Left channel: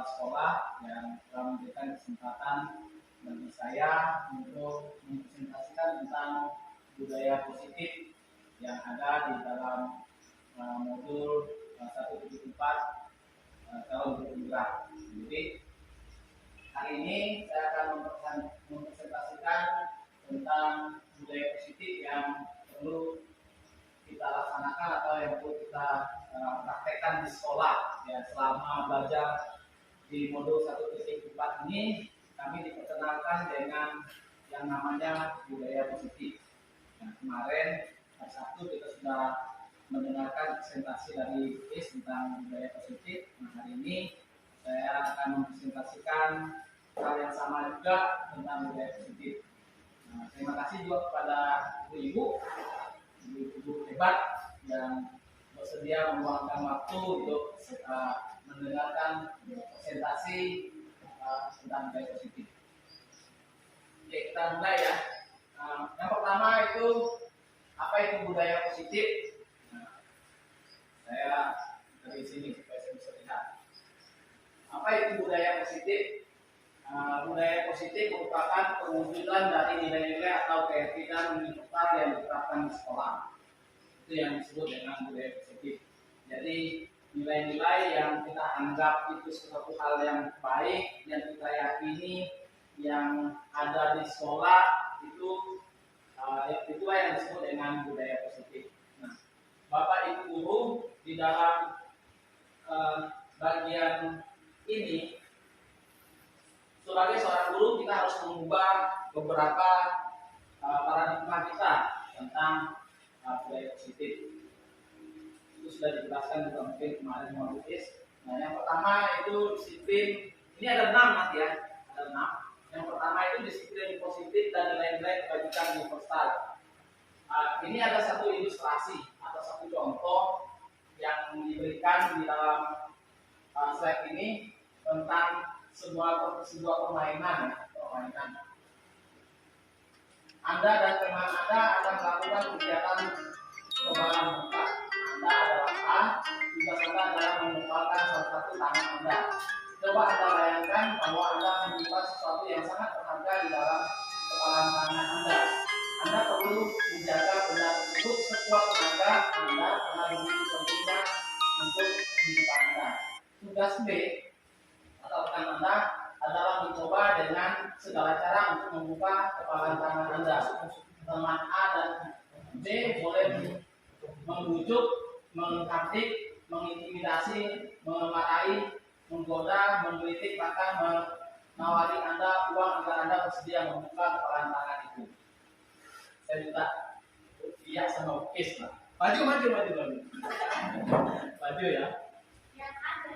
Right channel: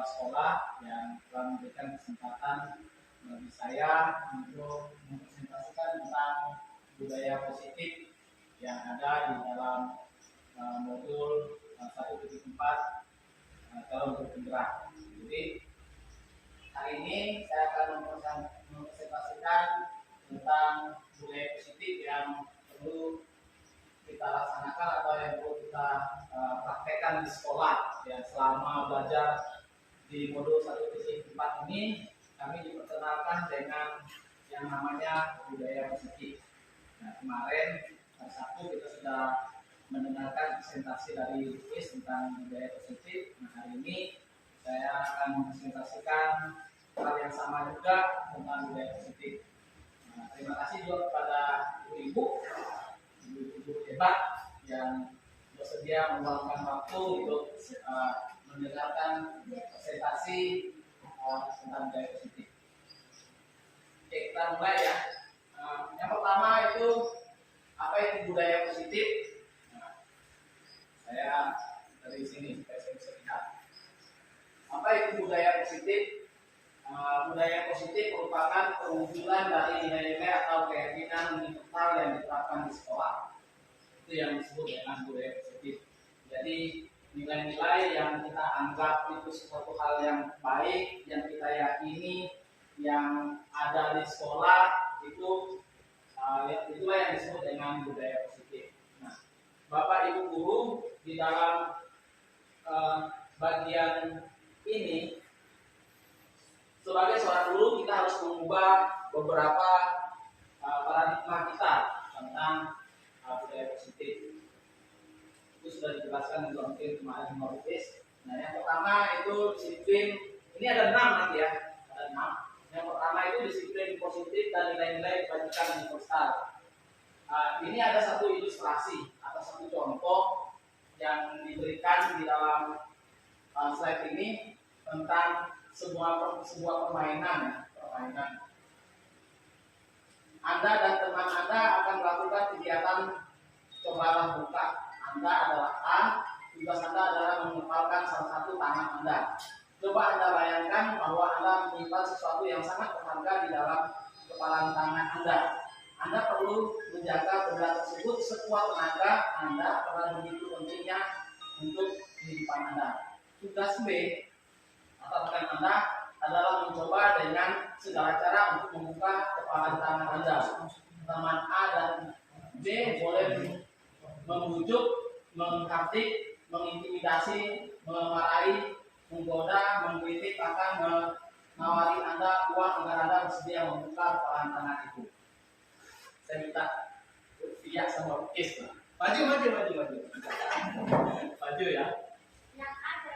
kepala sekolah yang telah memberikan kesempatan bagi saya untuk mempresentasikan tentang budaya positif yang ada di dalam modul 1.4 calon guru penggerak. Jadi hari ini saya akan mempresentasikan tentang budaya positif yang perlu kita laksanakan atau yang perlu kita praktekkan di sekolah ya selama belajar di modul 1.4 ini. Kami diperkenalkan dengan yang namanya budaya positif. Nah, kemarin hari Sabtu kita sudah mendengarkan presentasi dari UIS tentang budaya positif. Nah, hari ini saya akan mempresentasikan hal yang sama juga tentang budaya positif. Nah, terima kasih juga kepada ibu-ibu hebat yang bersedia meluangkan waktu untuk mendengarkan presentasi tentang budaya positif. Oke, kita mulai ya. Yang pertama itu apa itu budaya positif? Nah, saya dari sini supaya saya bisa lihat. Apa itu budaya positif? Budaya positif merupakan perwujudan dari nilai-nilai atau keyakinan universal yang diterapkan di sekolah. Itu yang disebut dengan budaya positif. Jadi nilai-nilai yang kita anggap itu sesuatu hal yang baik, yang kita yakini, yang ada di sekolah itu itulah yang disebut dengan budaya positif. Nah, Bapak Ibu guru di dalam bagian ini sebagai seorang guru kita harus mengubah beberapa paradigma kita tentang budaya positif. Itu sudah dijelaskan juga mungkin kemarin sama UIS. Nah, yang pertama itu disiplin. Ini ada 6 nanti ya, ada 6. Yang pertama itu disiplin positif dan nilai-nilai kebajikan universal. Ini ada satu ilustrasi atau satu contoh yang diberikan di dalam slide ini tentang sebuah permainan. Anda dan teman Anda akan melakukan kegiatan kebalan buka. Anda adalah A, tugas Anda adalah menempatkan salah satu tangan Anda. Coba Anda bayangkan bahwa Anda menyimpan sesuatu yang sangat berharga di dalam kepalan tangan Anda. Anda perlu menjaga benda tersebut sekuat tenaga Anda karena begitu pentingnya untuk kehidupan Anda. Tugas B atau rekan Anda adalah mencoba dengan segala cara untuk membuka kepalan tangan Anda. Teman A dan B boleh membujuk, menghardik, mengintimidasi, memarahi, menggoda, mengkritik, bahkan menawari Anda uang agar Anda bersedia membuka kepalan tangan itu. Saya minta Via sama UIS lah. Maju. Maju ya. Yang ada.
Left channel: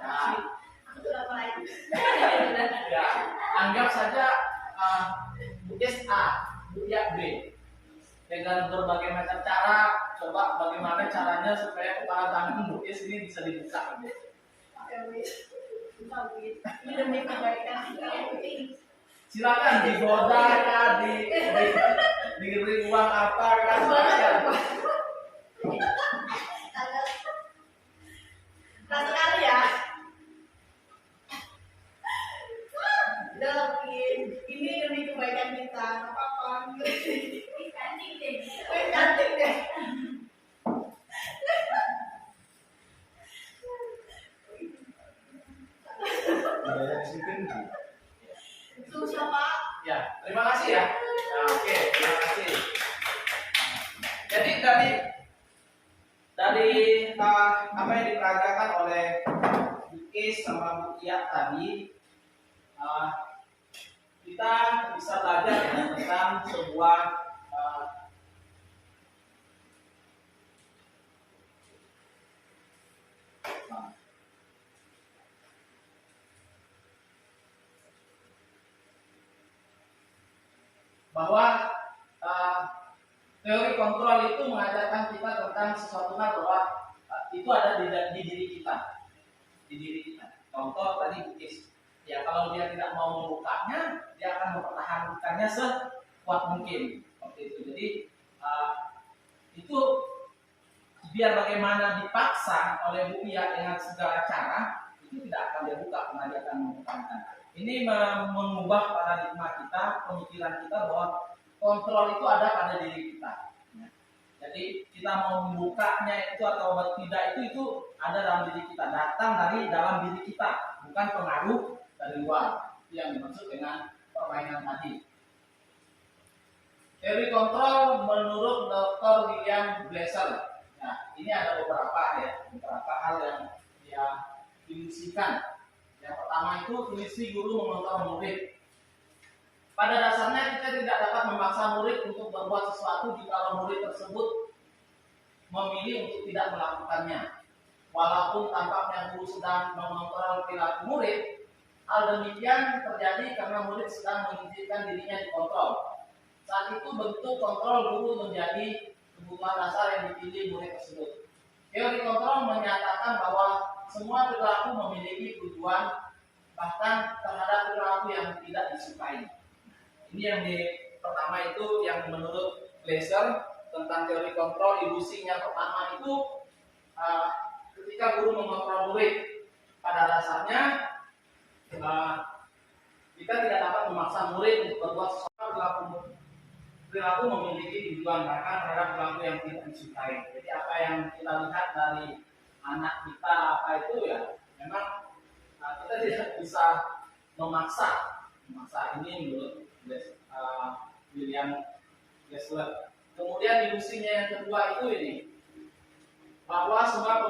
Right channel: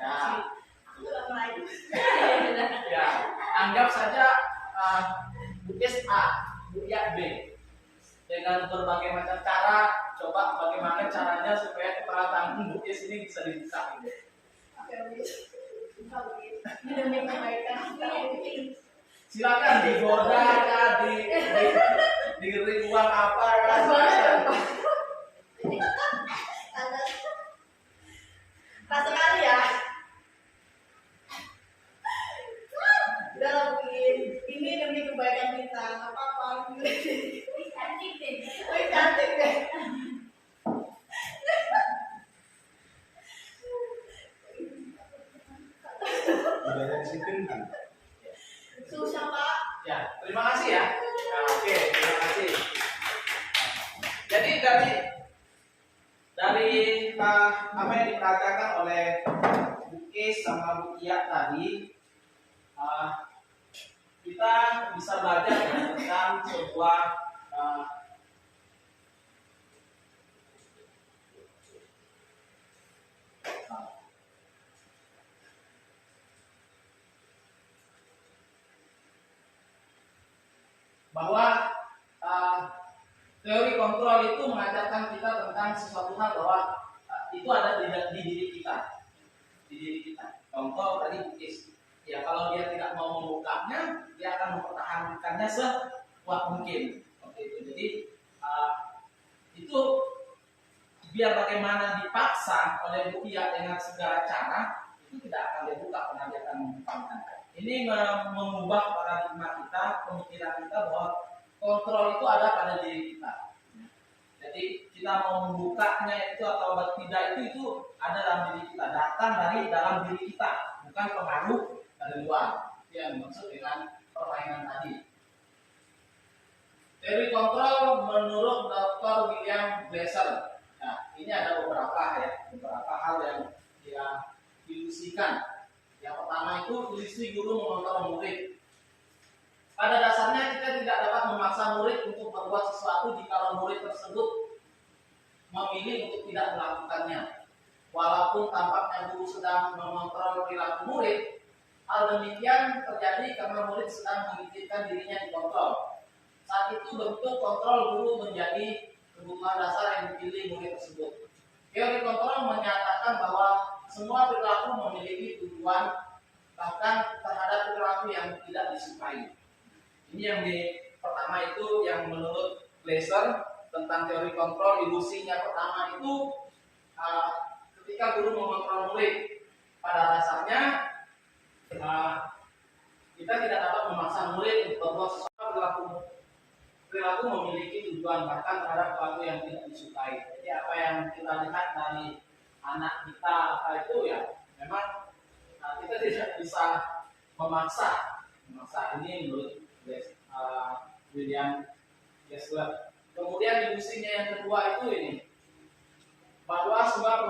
Ya. Aku sudah mulai. Ya, anggap saja UIS A, Buya B. Dengan berbagai macam cara, coba bagaimana caranya supaya kepala tangan UIS ini bisa dibuka. Ini demi kebaikan kita. Silakan digoda ya, diberi uang apa kan silakan. Keras sekali ya. Udah lakuin. Ini demi kebaikan kita. Gak apa-apa. Cantik deh. Budaya disiplin kan? Susah Pak. Ya, terima kasih ya. Nah, oke, terima kasih. Jadi dari apa yang diperagakan oleh Bu Kis sama Bu Kia tadi, kita bisa belajar ya tentang sebuah bahwa teori kontrol itu mengajarkan kita tentang sesuatu hal bahwa itu ada di diri kita. Contoh tadi Bukis, ya kalau dia tidak mau membukanya, dia akan mempertahankannya sekuat mungkin. Seperti itu. Jadi itu biar bagaimana dipaksa oleh Bu Ia dengan segala cara, itu tidak akan dia Ini mengubah paradigma kita, pemikiran kita bahwa kontrol itu ada pada diri kita. Ya. Jadi kita mau membukanya itu atau tidak itu ada dalam diri kita, datang dari dalam diri kita, bukan pengaruh dari luar. Itu yang dimaksud dengan permainan tadi. Teori kontrol menurut Dr. William Glasser. Nah, ini ada beberapa hal yang dia ilusikan. Yang pertama itu ilusi guru mengontrol murid. Pada dasarnya kita tidak dapat memaksa murid untuk berbuat sesuatu jika murid tersebut memilih untuk tidak melakukannya. Walaupun tampaknya guru sedang mengontrol perilaku murid, hal demikian terjadi karena murid sedang mengizinkan dirinya dikontrol. Saat itu bentuk kontrol guru menjadi kebutuhan dasar yang dipilih murid tersebut. Teori kontrol menyatakan bahwa semua perilaku memiliki tujuan, bahkan terhadap perilaku yang tidak disukai. Ini yang pertama itu yang menurut Glasser tentang teori kontrol. Ilusinya pertama itu ketika guru mengontrol murid, pada dasarnya kita tidak dapat memaksa murid untuk berbuat sesuatu. Perilaku memiliki tujuan, bahkan terhadap perilaku yang tidak disukai. Jadi apa yang kita lihat dari anak kita apa itu ya memang kita tidak bisa memaksa ini menurut William Glasser. Kemudian ilusinya yang kedua itu ini bahwa semua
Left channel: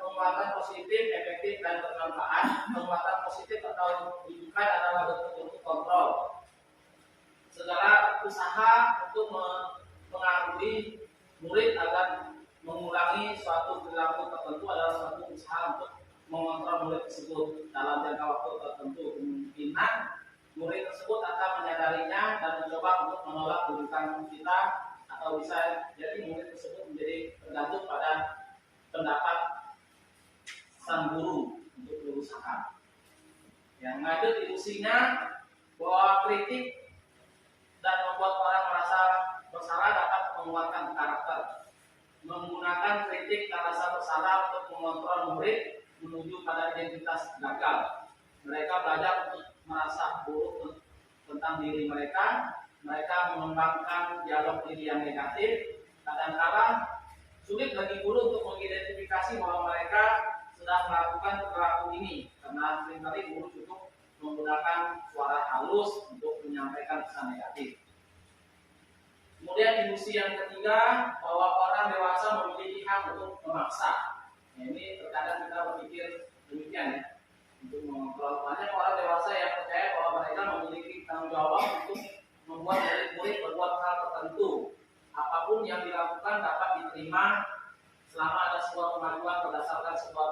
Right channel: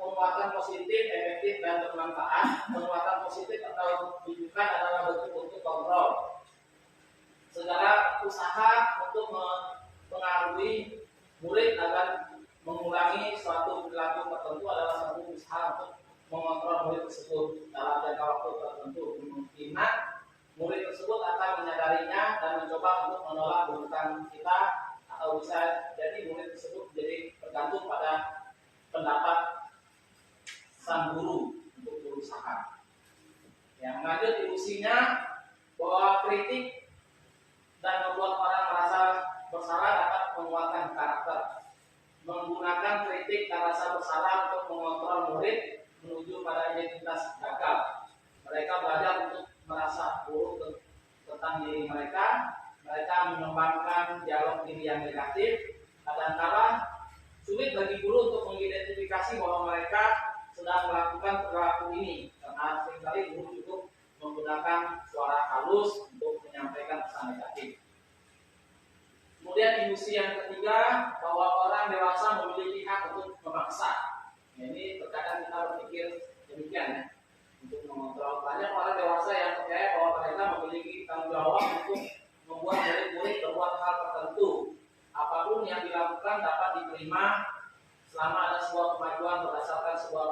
penguatan positif, efektif dan bermanfaat, penguatan positif atau rujukan adalah bentuk-bentuk kontrol. Segala usaha untuk mempengaruhi murid agar mengulangi suatu perilaku tertentu adalah suatu usaha untuk mengontrol murid tersebut dalam jangka waktu tertentu. Kemungkinan murid tersebut akan menyadarinya dan mencoba untuk menolak rujukan kita, atau bisa jadi murid tersebut menjadi tergantung pada pendapat sang guru untuk berusaha. Yang lanjut ilusinya bahwa kritik dan membuat orang merasa bersalah dapat menguatkan karakter. Menggunakan kritik dan rasa bersalah untuk mengontrol murid menuju pada identitas gagal. Mereka belajar untuk merasa buruk tentang diri mereka. Mereka mengembangkan dialog diri yang negatif. Kadang-kala sulit bagi guru untuk mengidentifikasi bahwa mereka sedang melakukan perilaku ini, karena seringkali guru cukup menggunakan suara halus untuk menyampaikan pesan negatif. Kemudian ilusi yang ketiga bahwa orang dewasa memiliki hak untuk memaksa. Nah, ini terkadang kita berpikir demikian ya, untuk mengontrol. Banyak orang dewasa yang percaya bahwa mereka memiliki tanggung jawab untuk membuat murid-murid berbuat hal tertentu. Apapun yang dilakukan dapat diterima selama ada sebuah kemajuan berdasarkan sebuah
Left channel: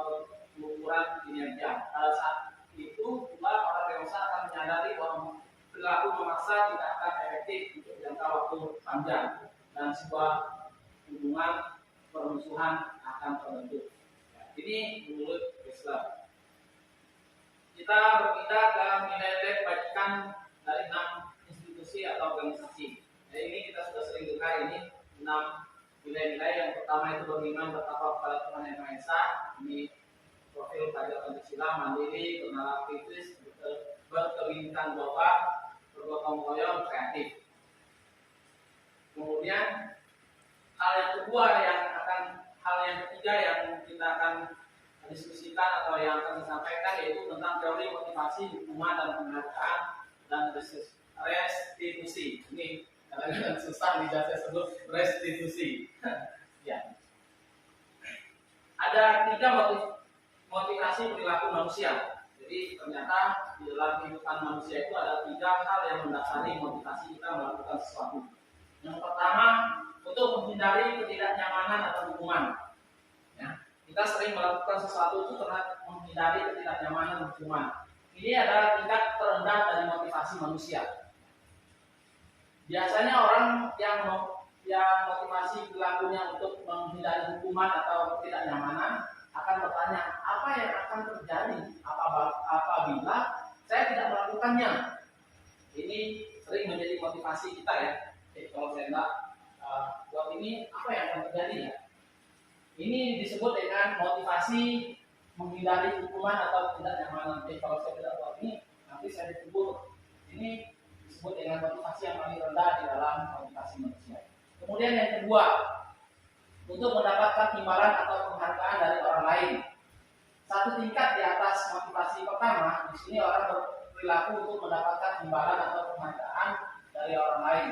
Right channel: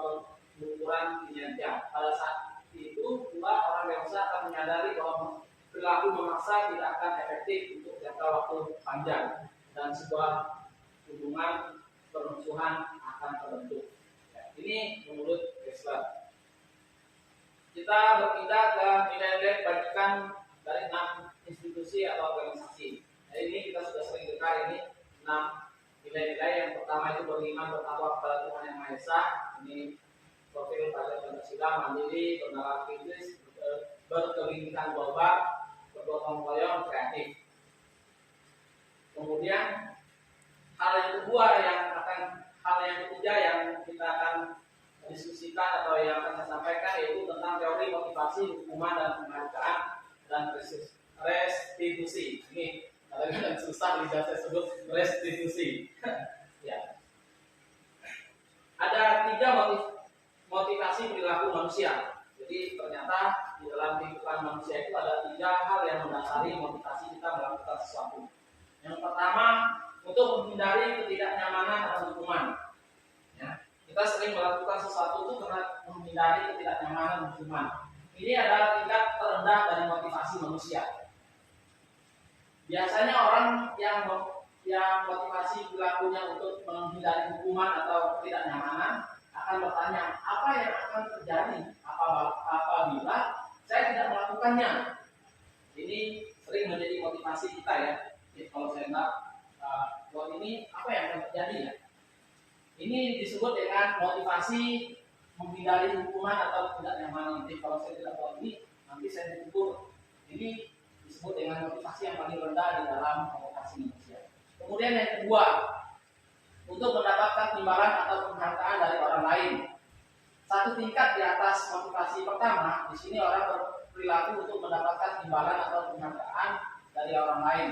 pengukuran kinerja. Pada saat itu pula orang dewasa akan menyadari bahwa perilaku memaksa tidak akan efektif untuk jangka waktu panjang dan sebuah hubungan permusuhan akan terbentuk. Ya, ini menurut Glasser. Kita berpindah ke nilai-nilai kebajikan dari 6 institusi atau organisasi. Nah, ini kita sudah sering dengar ini 6 nilai-nilai. Yang pertama itu beriman bertakwa kepada Tuhan Yang Maha Esa. Ini profil pelajar Pancasila, mandiri, bernalar kritis, berkebinekaan global, bergotong royong, kreatif. Kemudian hal yang ketiga yang kita akan diskusikan atau yang akan saya sampaikan yaitu tentang teori motivasi, hukuman dan penghargaan dan restitusi. Ini kadang-kadang susah bisa saya sebut restitusi. Ya. Ada 3 motivasi perilaku manusia. Jadi ternyata di dalam kehidupan manusia itu ada 3 hal yang mendasari motivasi kita melakukan sesuatu. Yang pertama, untuk menghindari ketidaknyamanan atau hukuman. Ya, kita sering melakukan sesuatu itu karena menghindari ketidaknyamanan dan hukuman. Ini adalah tingkat terendah dari motivasi manusia. Biasanya orang yang motivasi perilakunya untuk menghindari hukuman atau ketidaknyamanan akan bertanya, apa yang akan terjadi apabila saya tidak melakukannya? Ini sering menjadi motivasi kita ya. Kalau saya tidak buat ini, apa yang akan terjadi ya? Ini disebut dengan motivasi menghindari hukuman atau ketidaknyamanan. Jadi kalau saya tidak buat ini, nanti saya ditegur. Ini disebut dengan motivasi yang paling rendah di dalam motivasi manusia. Kemudian yang kedua, untuk mendapatkan imbalan atau penghargaan dari orang lain. Satu tingkat di atas motivasi pertama, di sini orang berperilaku untuk mendapatkan imbalan atau penghargaan dari orang lain.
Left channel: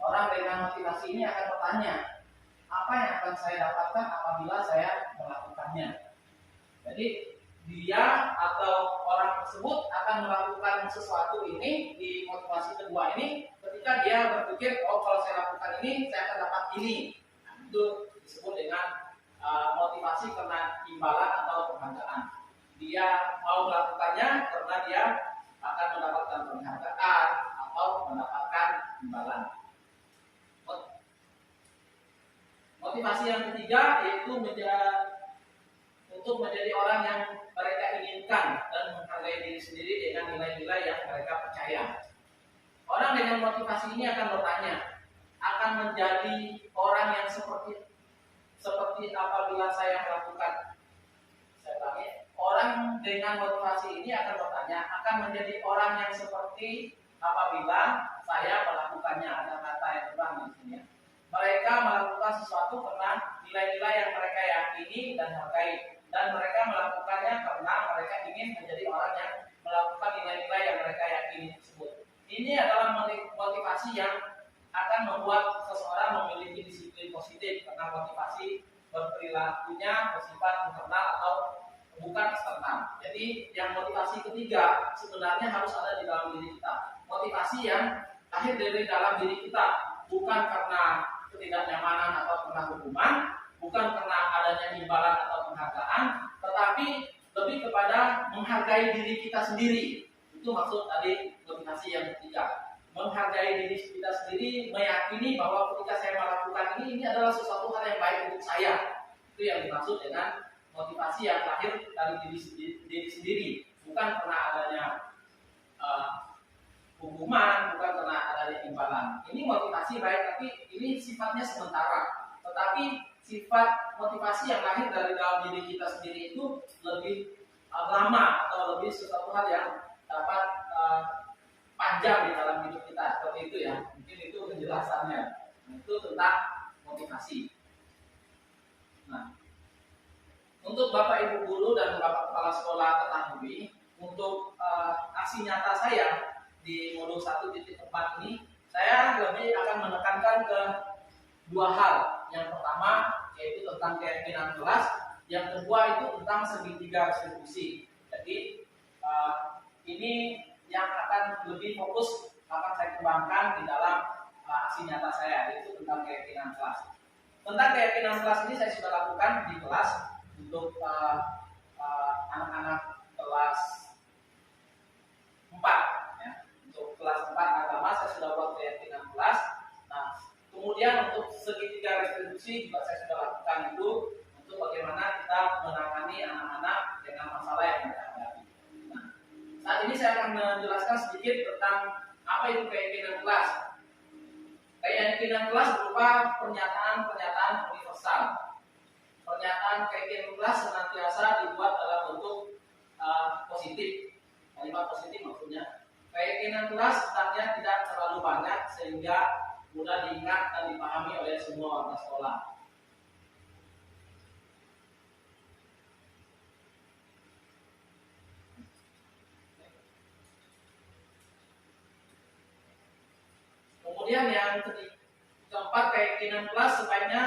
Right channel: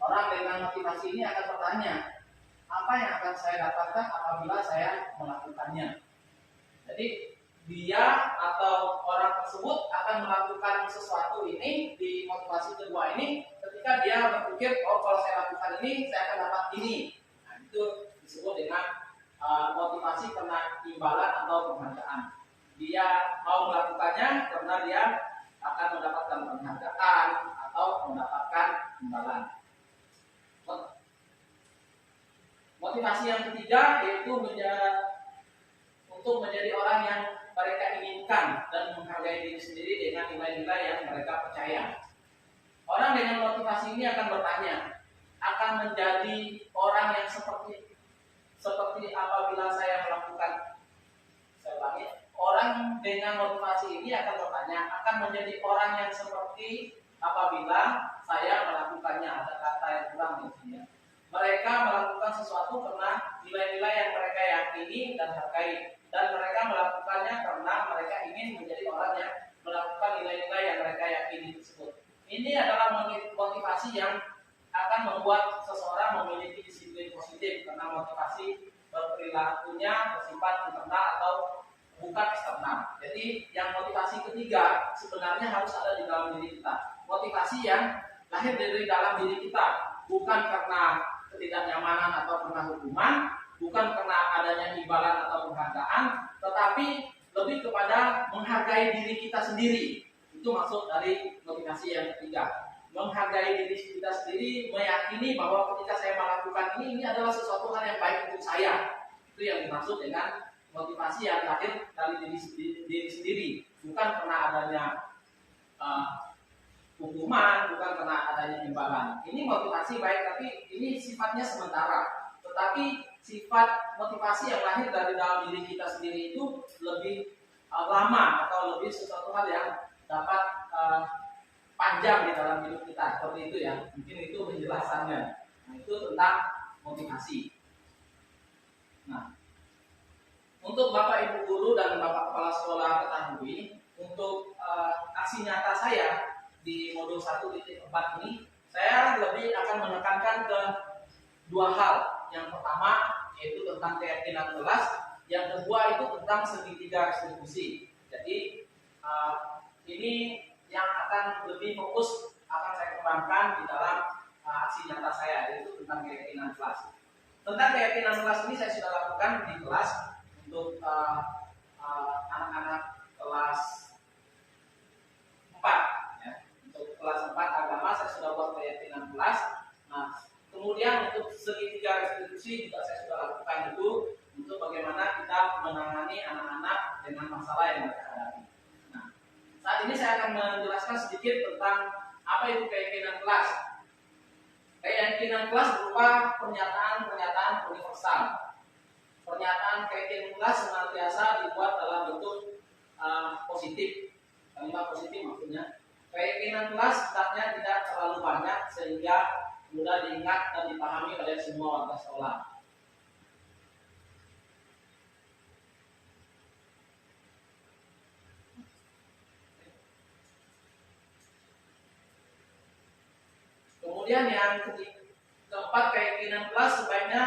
Orang dengan motivasi ini akan bertanya, apa yang akan saya dapatkan apabila saya melakukannya? Jadi dia atau orang tersebut akan melakukan sesuatu ini di motivasi kedua ini ketika dia berpikir, oh kalau saya lakukan ini saya akan dapat ini. Nah, itu disebut dengan motivasi karena imbalan atau penghargaan. Dia mau melakukannya karena dia akan mendapatkan penghargaan atau mendapatkan imbalan. Motivasi yang ketiga yaitu untuk menjadi orang yang mereka inginkan dan menghargai diri sendiri dengan nilai-nilai yang mereka percaya. Orang dengan motivasi ini akan bertanya, akan menjadi orang yang seperti apabila saya melakukan. Saya ulangi, orang dengan motivasi ini akan bertanya, akan menjadi orang yang seperti apabila saya melakukannya. Ada kata yang kurang di sini. Mereka melakukan sesuatu karena nilai-nilai yang mereka yakini dan hargai, dan mereka melakukannya karena mereka ingin menjadi orang yang melakukan nilai-nilai yang mereka yakini tersebut. Ini adalah motivasi yang akan membuat seseorang memiliki disiplin positif karena motivasi berperilakunya bersifat internal atau bukan eksternal. Jadi yang motivasi ketiga sebenarnya harus ada di dalam diri kita. Motivasi yang lahir dari dalam diri kita, bukan karena ketidaknyamanan atau karena hukuman, bukan karena adanya imbalan atau penghargaan, tetapi lebih kepada menghargai diri kita sendiri. Itu maksud dari motivasi yang ketiga. Menghargai diri kita sendiri, meyakini bahwa ketika saya melakukan ini adalah sesuatu hal yang baik untuk saya. Itu yang dimaksud dengan motivasi yang lahir dari diri sendiri, bukan karena adanya hukuman, bukan karena adanya imbalan. Ini motivasi baik, tapi ini sifatnya sementara. Tetapi sifat motivasi yang lahir dari dalam diri kita sendiri itu lebih lama atau lebih sesuatu hal yang dapat panjang di dalam hidup kita, seperti itu ya. Mungkin itu penjelasannya. Nah, itu tentang motivasi. Nah, untuk Bapak Ibu guru dan Bapak Kepala Sekolah ketahui, untuk aksi nyata saya di modul 1.4 ini, saya lebih akan menekankan ke dua hal. Yang pertama yaitu tentang keyakinan kelas, yang kedua itu tentang segitiga restitusi. Jadi ini yang akan lebih fokus akan saya kembangkan di dalam aksi nyata saya, yaitu tentang keyakinan kelas. Tentang keyakinan kelas ini saya sudah lakukan di kelas untuk anak-anak kelas 4 ya. Untuk kelas 4 agama saya sudah buat keyakinan kelas. Nah, kemudian untuk segitiga restitusi juga saya sudah lakukan itu untuk bagaimana kita menangani anak-anak dengan masalah yang mereka hadapi. Nah, saat ini saya akan menjelaskan sedikit tentang apa itu keyakinan kelas. Keyakinan kelas berupa pernyataan-pernyataan universal. Pernyataan keyakinan kelas senantiasa dibuat dalam bentuk positif, kalimat positif maksudnya. Keyakinan kelas hendaknya tidak terlalu banyak sehingga mudah diingat dan dipahami oleh semua warga sekolah. Kemudian yang keempat, keyakinan kelas sebaiknya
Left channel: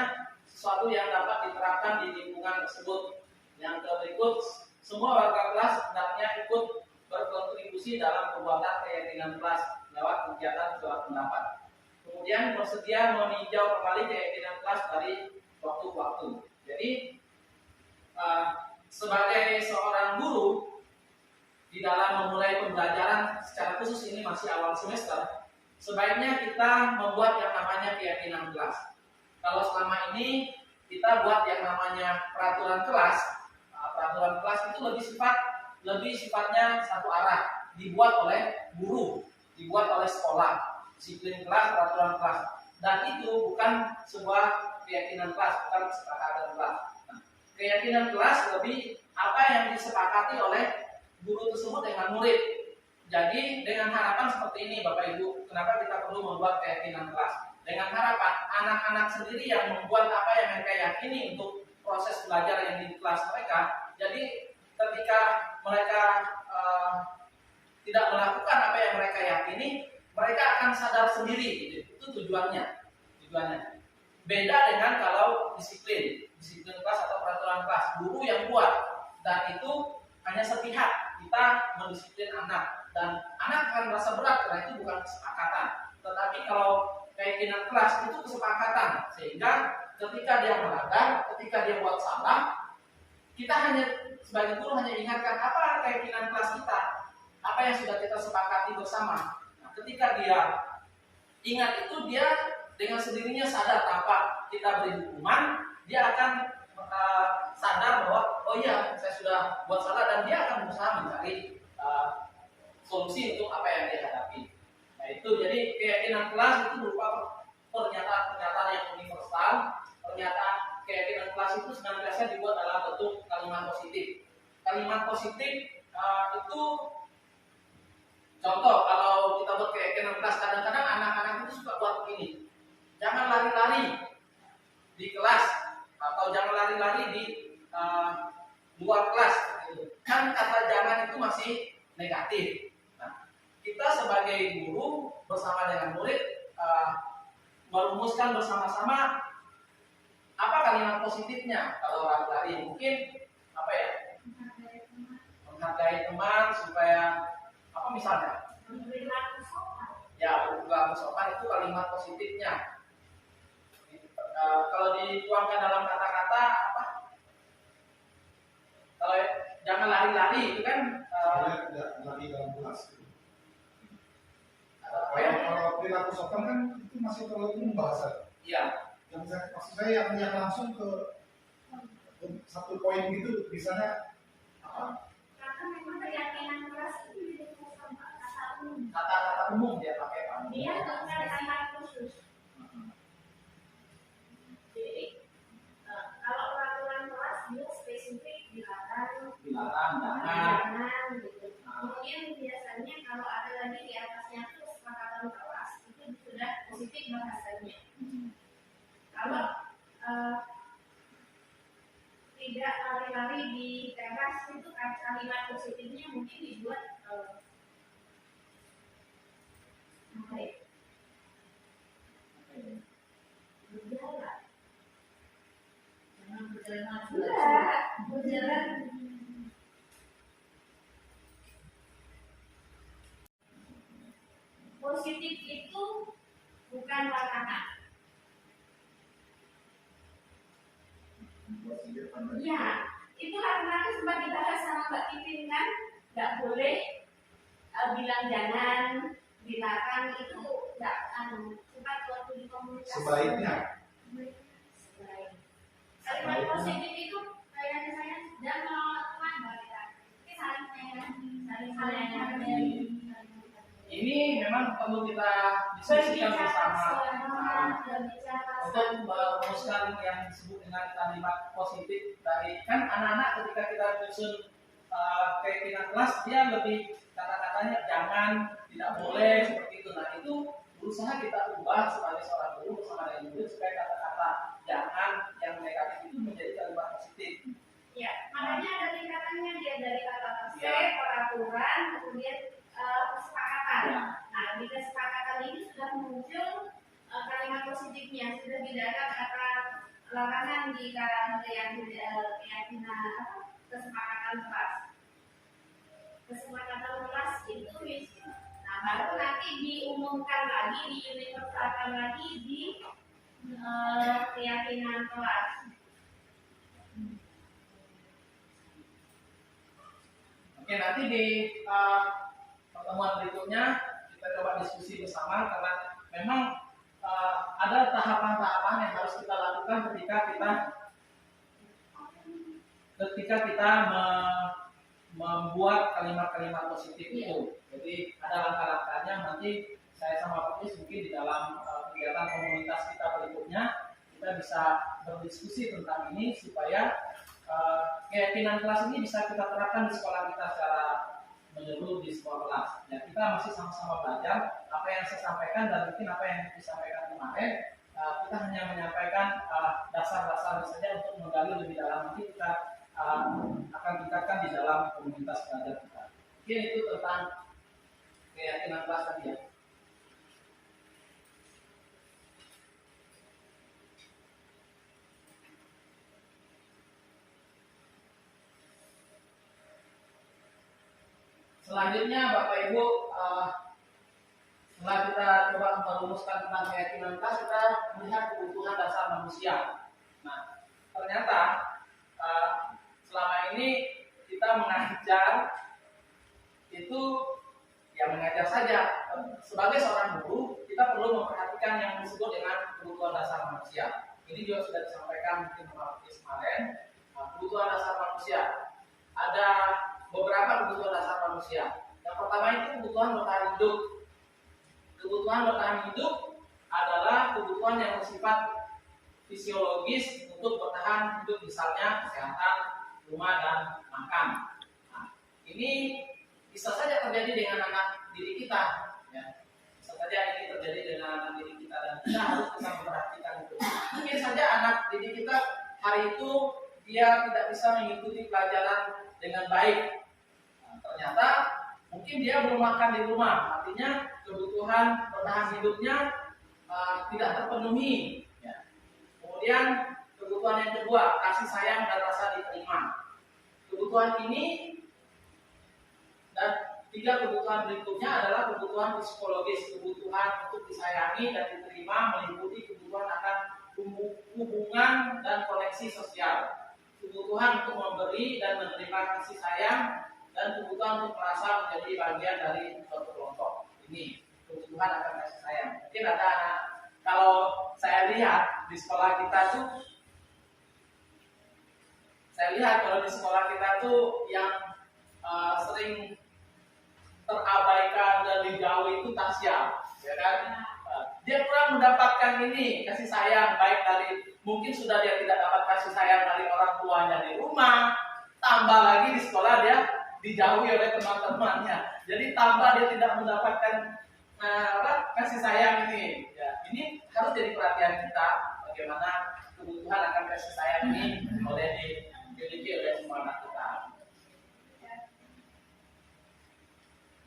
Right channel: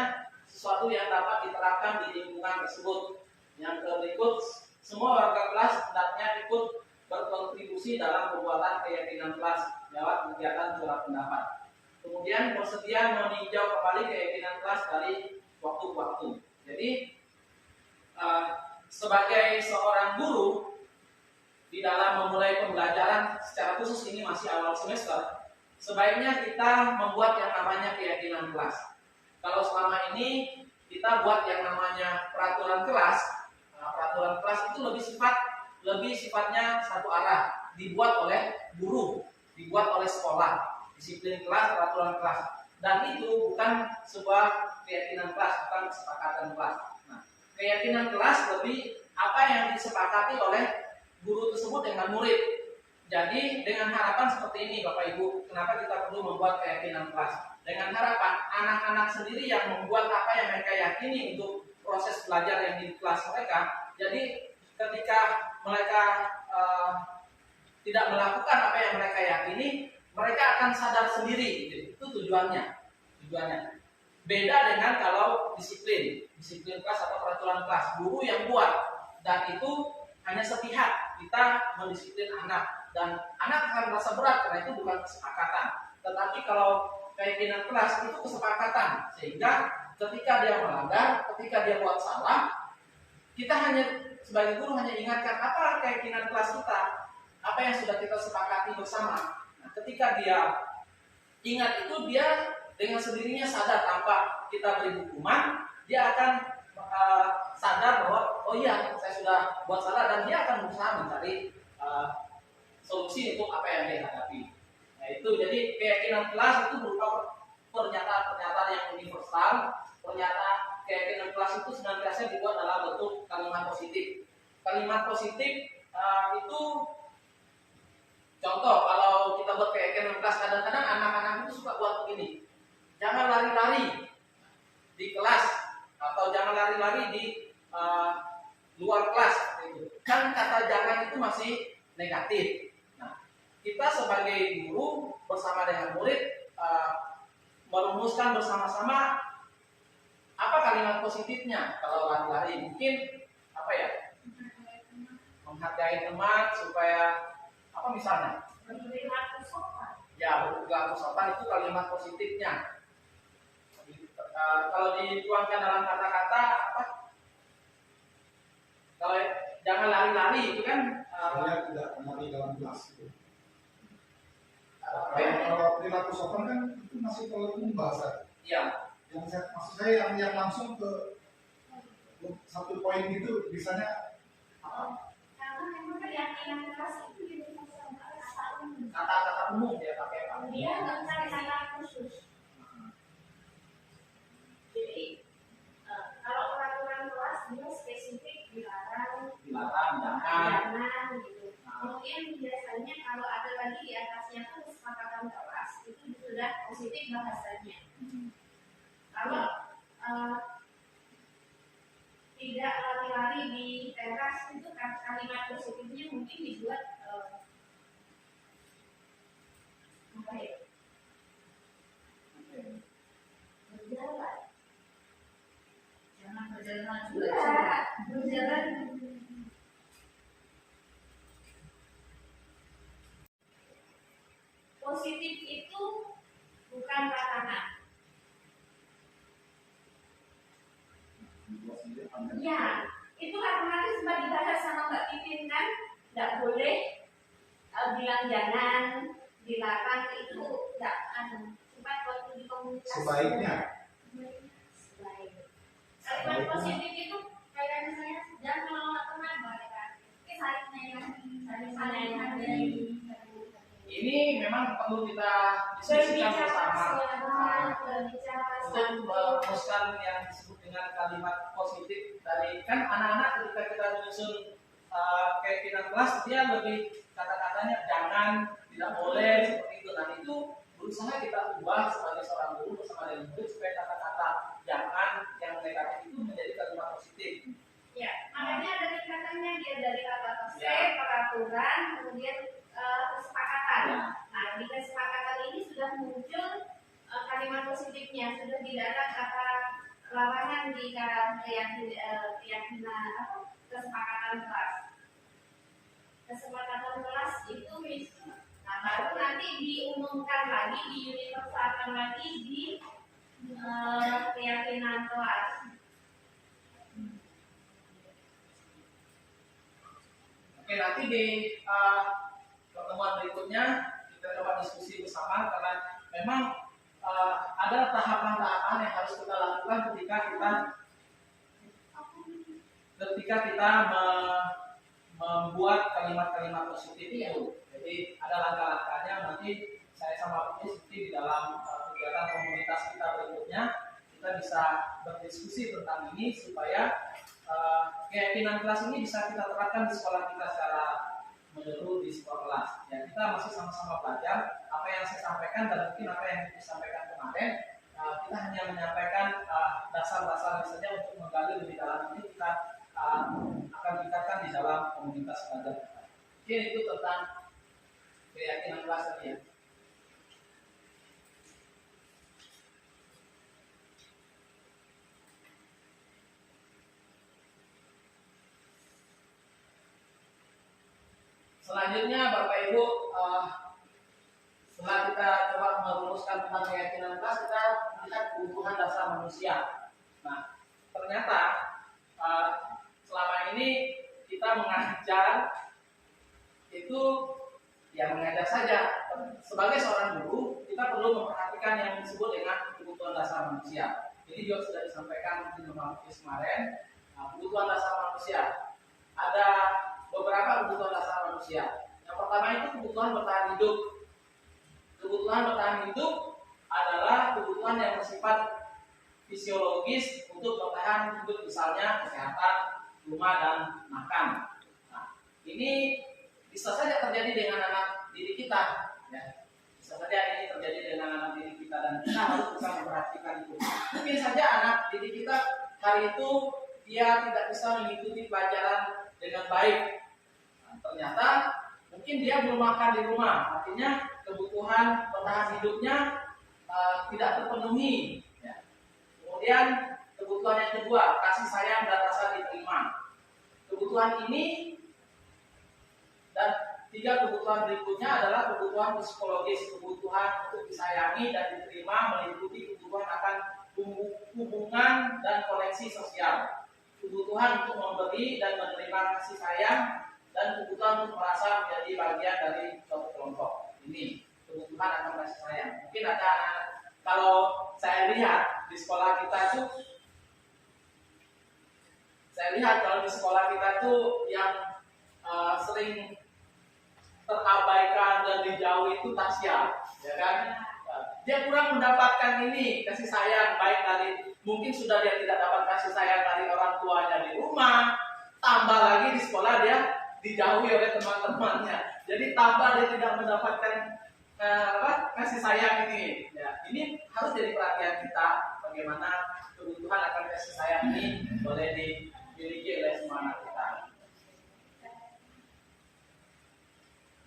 sesuatu yang dapat diterapkan di lingkungan tersebut. Yang berikut, semua warga kelas hendaknya ikut berkontribusi dalam pembuatan keyakinan kelas lewat kegiatan jual pendapat. Kemudian bersedia meninjau kembali keyakinan kelas dari waktu ke waktu. Jadi sebagai seorang guru di dalam memulai pembelajaran secara khusus ini masih awal semester, sebaiknya kita membuat yang namanya keyakinan kelas. Kalau selama ini kita buat yang namanya peraturan kelas, peraturan kelas itu lebih sifatnya satu arah, dibuat oleh guru, dibuat oleh sekolah, disiplin kelas, peraturan kelas, dan itu bukan sebuah keyakinan kelas, bukan kesepakatan kelas. Nah, keyakinan kelas lebih apa yang disepakati oleh guru tersebut dengan murid. Jadi dengan harapan seperti ini Bapak Ibu, kenapa kita perlu membuat keyakinan kelas? Dengan harapan anak-anak sendiri yang membuat apa yang mereka yakini untuk proses belajar yang di kelas mereka. Jadi ketika mereka tidak melakukan apa yang mereka yakini, mereka akan sadar sendiri. Itu tujuannya. Beda dengan kalau disiplin kelas atau peraturan kelas, guru yang buat, dan itu hanya sepihak, kita mendisiplin anak dan anak akan merasa berat karena itu bukan kesepakatan. Tetapi kalau keyakinan kelas itu kesepakatan, sehingga ketika dia melanggar, ketika dia buat salah, kita hanya sebagai guru hanya ingatkan apa keyakinan kelas kita, apa yang sudah kita sepakati bersama. Nah, ketika dia ingat itu, dia dengan sendirinya sadar tanpa kita beri hukuman, dia akan sadar bahwa oh iya saya sudah buat salah, dan dia akan berusaha mencari solusi untuk apa yang dia hadapi. Nah itu jadi keyakinan kelas itu berupa pernyataan-pernyataan yang universal. Keyakinan kelas itu senantiasa dibuat dalam bentuk kalimat positif. Kalimat positif itu contoh, kalau kita buat keyakinan kelas, kadang-kadang anak-anak itu suka buat begini. Jangan lari-lari di kelas, atau jangan lari-lari di luar kelas. Kan kata jangan itu masih negatif. Nah, kita sebagai guru bersama dengan murid merumuskan bersama-sama apa kalimat positifnya. Kalau lari-lari mungkin apa ya? Menghargai teman supaya apa misalnya? Berperilaku sopan. Ya, berperilaku sopan itu kalimat positifnya. Kalau dituangkan dalam kata-kata apa? Kalau jangan lari-lari itu kan Saya tidak lari dalam kelas gitu. apa ya? Kalau perilaku sopan kan itu masih terlalu umum bahasa. Iya. Maksud saya yang langsung ke satu poin gitu, misalnya apa? Karena memang keyakinan kelas itu tidak sama kata umum. Kata-kata umum dia pakai Pak. Dia nggak ada kata khusus. Jadi kalau peraturan kelas dia spesifik dilarang, jangan gitu. Kemudian biasanya kalau ada lagi di atasnya itu kesepakatan kelas, itu sudah positif bahasanya. Kalau tidak lari-lari di teras itu kalimat positifnya mungkin dibuat apa ya? Berjalan. Jangan berjalan berjalan. Positif itu bukan larangan. Ya, itu karena sempat dibahas sama Mbak Pipin kan, nggak boleh bilang jangan, dilarang itu nggak sempat waktu di komunitas. Sebaiknya. Kalimat positif itu kayaknya saya dan menolak teman mereka. Ini saling menghargai. Ini memang perlu kita diskusikan bersama untuk merumuskan yang disebut dengan kalimat positif dari kan anak-anak ketika kita menyusun keyakinan kelas, dia lebih kata-katanya jangan, tidak boleh seperti itu. Nah itu berusaha kita ubah sebagai seorang guru bersama dengan murid supaya kata-kata jangan yang negatif itu menjadi kalimat positif. Ya, makanya ada tingkatannya, dia dari kata terse, peraturan, kemudian kesepakatan. Ya. Nah, di kesepakatan ini sudah muncul kalimat positifnya, sudah tidak ada kata larangan di keyakinan kesepakatan kelas. Kesepakatan kelas itu, nah baru nanti diumumkan lagi, diuniversalkan lagi di keyakinan kelas. Oke, nanti di pertemuan berikutnya kita coba diskusi bersama, karena memang ada tahapan-tahapan yang harus kita lakukan ketika kita membuat kalimat-kalimat positif itu. Jadi ada langkah-langkahnya. Nanti saya sama Pak Is mungkin di dalam kegiatan komunitas kita berikutnya kita bisa berdiskusi tentang ini supaya keyakinan kelas ini bisa kita terapkan di sekolah kita secara menyeluruh di sekolah kelas. Ya, kita masih sama-sama belajar. Apa yang saya sampaikan dan mungkin apa yang disampaikan kemarin, kita hanya menyampaikan dasar-dasar saja untuk menggali lebih dalam. Nanti kita akan tingkatkan di dalam komunitas belajar kita. Mungkin itu tentang keyakinan kelas tadi ya. Selanjutnya Bapak Ibu, setelah kita coba merumuskan tentang keyakinan kelas, kita melihat kebutuhan dasar manusia. Nah, ternyata selama ini kita mengajar itu ya mengajar saja. Sebagai seorang guru, kita perlu memperhatikan yang disebut dengan kebutuhan dasar manusia. Ini juga sudah disampaikan mungkin kemarin. Kebutuhan dasar manusia. Ada beberapa kebutuhan dasar manusia. Yang pertama itu kebutuhan bertahan hidup. Kebutuhan bertahan hidup adalah kebutuhan yang bersifat fisiologis untuk bertahan hidup, misalnya kesehatan, rumah, dan makan. Nah, ini bisa saja terjadi dengan anak didik kita, ya. Bisa saja ini terjadi dengan anak didik kita dan kita harus bisa memperhatikan itu. Mungkin saja anak didik kita hari itu dia tidak bisa mengikuti pelajaran dengan baik. Nah, ternyata mungkin dia belum makan di rumah, artinya kebutuhan bertahan hidupnya tidak terpenuhi. Ya. Kemudian kebutuhan yang kedua, kasih sayang dan rasa diterima. Kebutuhan ini dan tiga kebutuhan berikutnya adalah kebutuhan psikologis, kebutuhan untuk disayangi dan diterima, meliputi kebutuhan akan hubungan dan koneksi sosial, kebutuhan untuk memberi dan menerima kasih sayang, dan kebutuhan untuk merasa menjadi bagian dari suatu kelompok. Ini kebutuhan akan kasih sayang. Mungkin ada anak, kalau saya lihat di sekolah kita tuh, yang sering terabaikan dan dijauhi itu Tasya, ya kan? Dia kurang mendapatkan ini kasih sayang, baik dari, mungkin sudah dia tidak dapat kasih sayang dari orang tuanya di rumah, tambah lagi di sekolah dia dijauhi oleh teman-temannya. Jadi tambah dia tidak mendapatkan kasih sayang ini. Ya, ini harus jadi perhatian kita bagaimana kebutuhan akan kasih sayang ini boleh dimiliki oleh semua anak kita.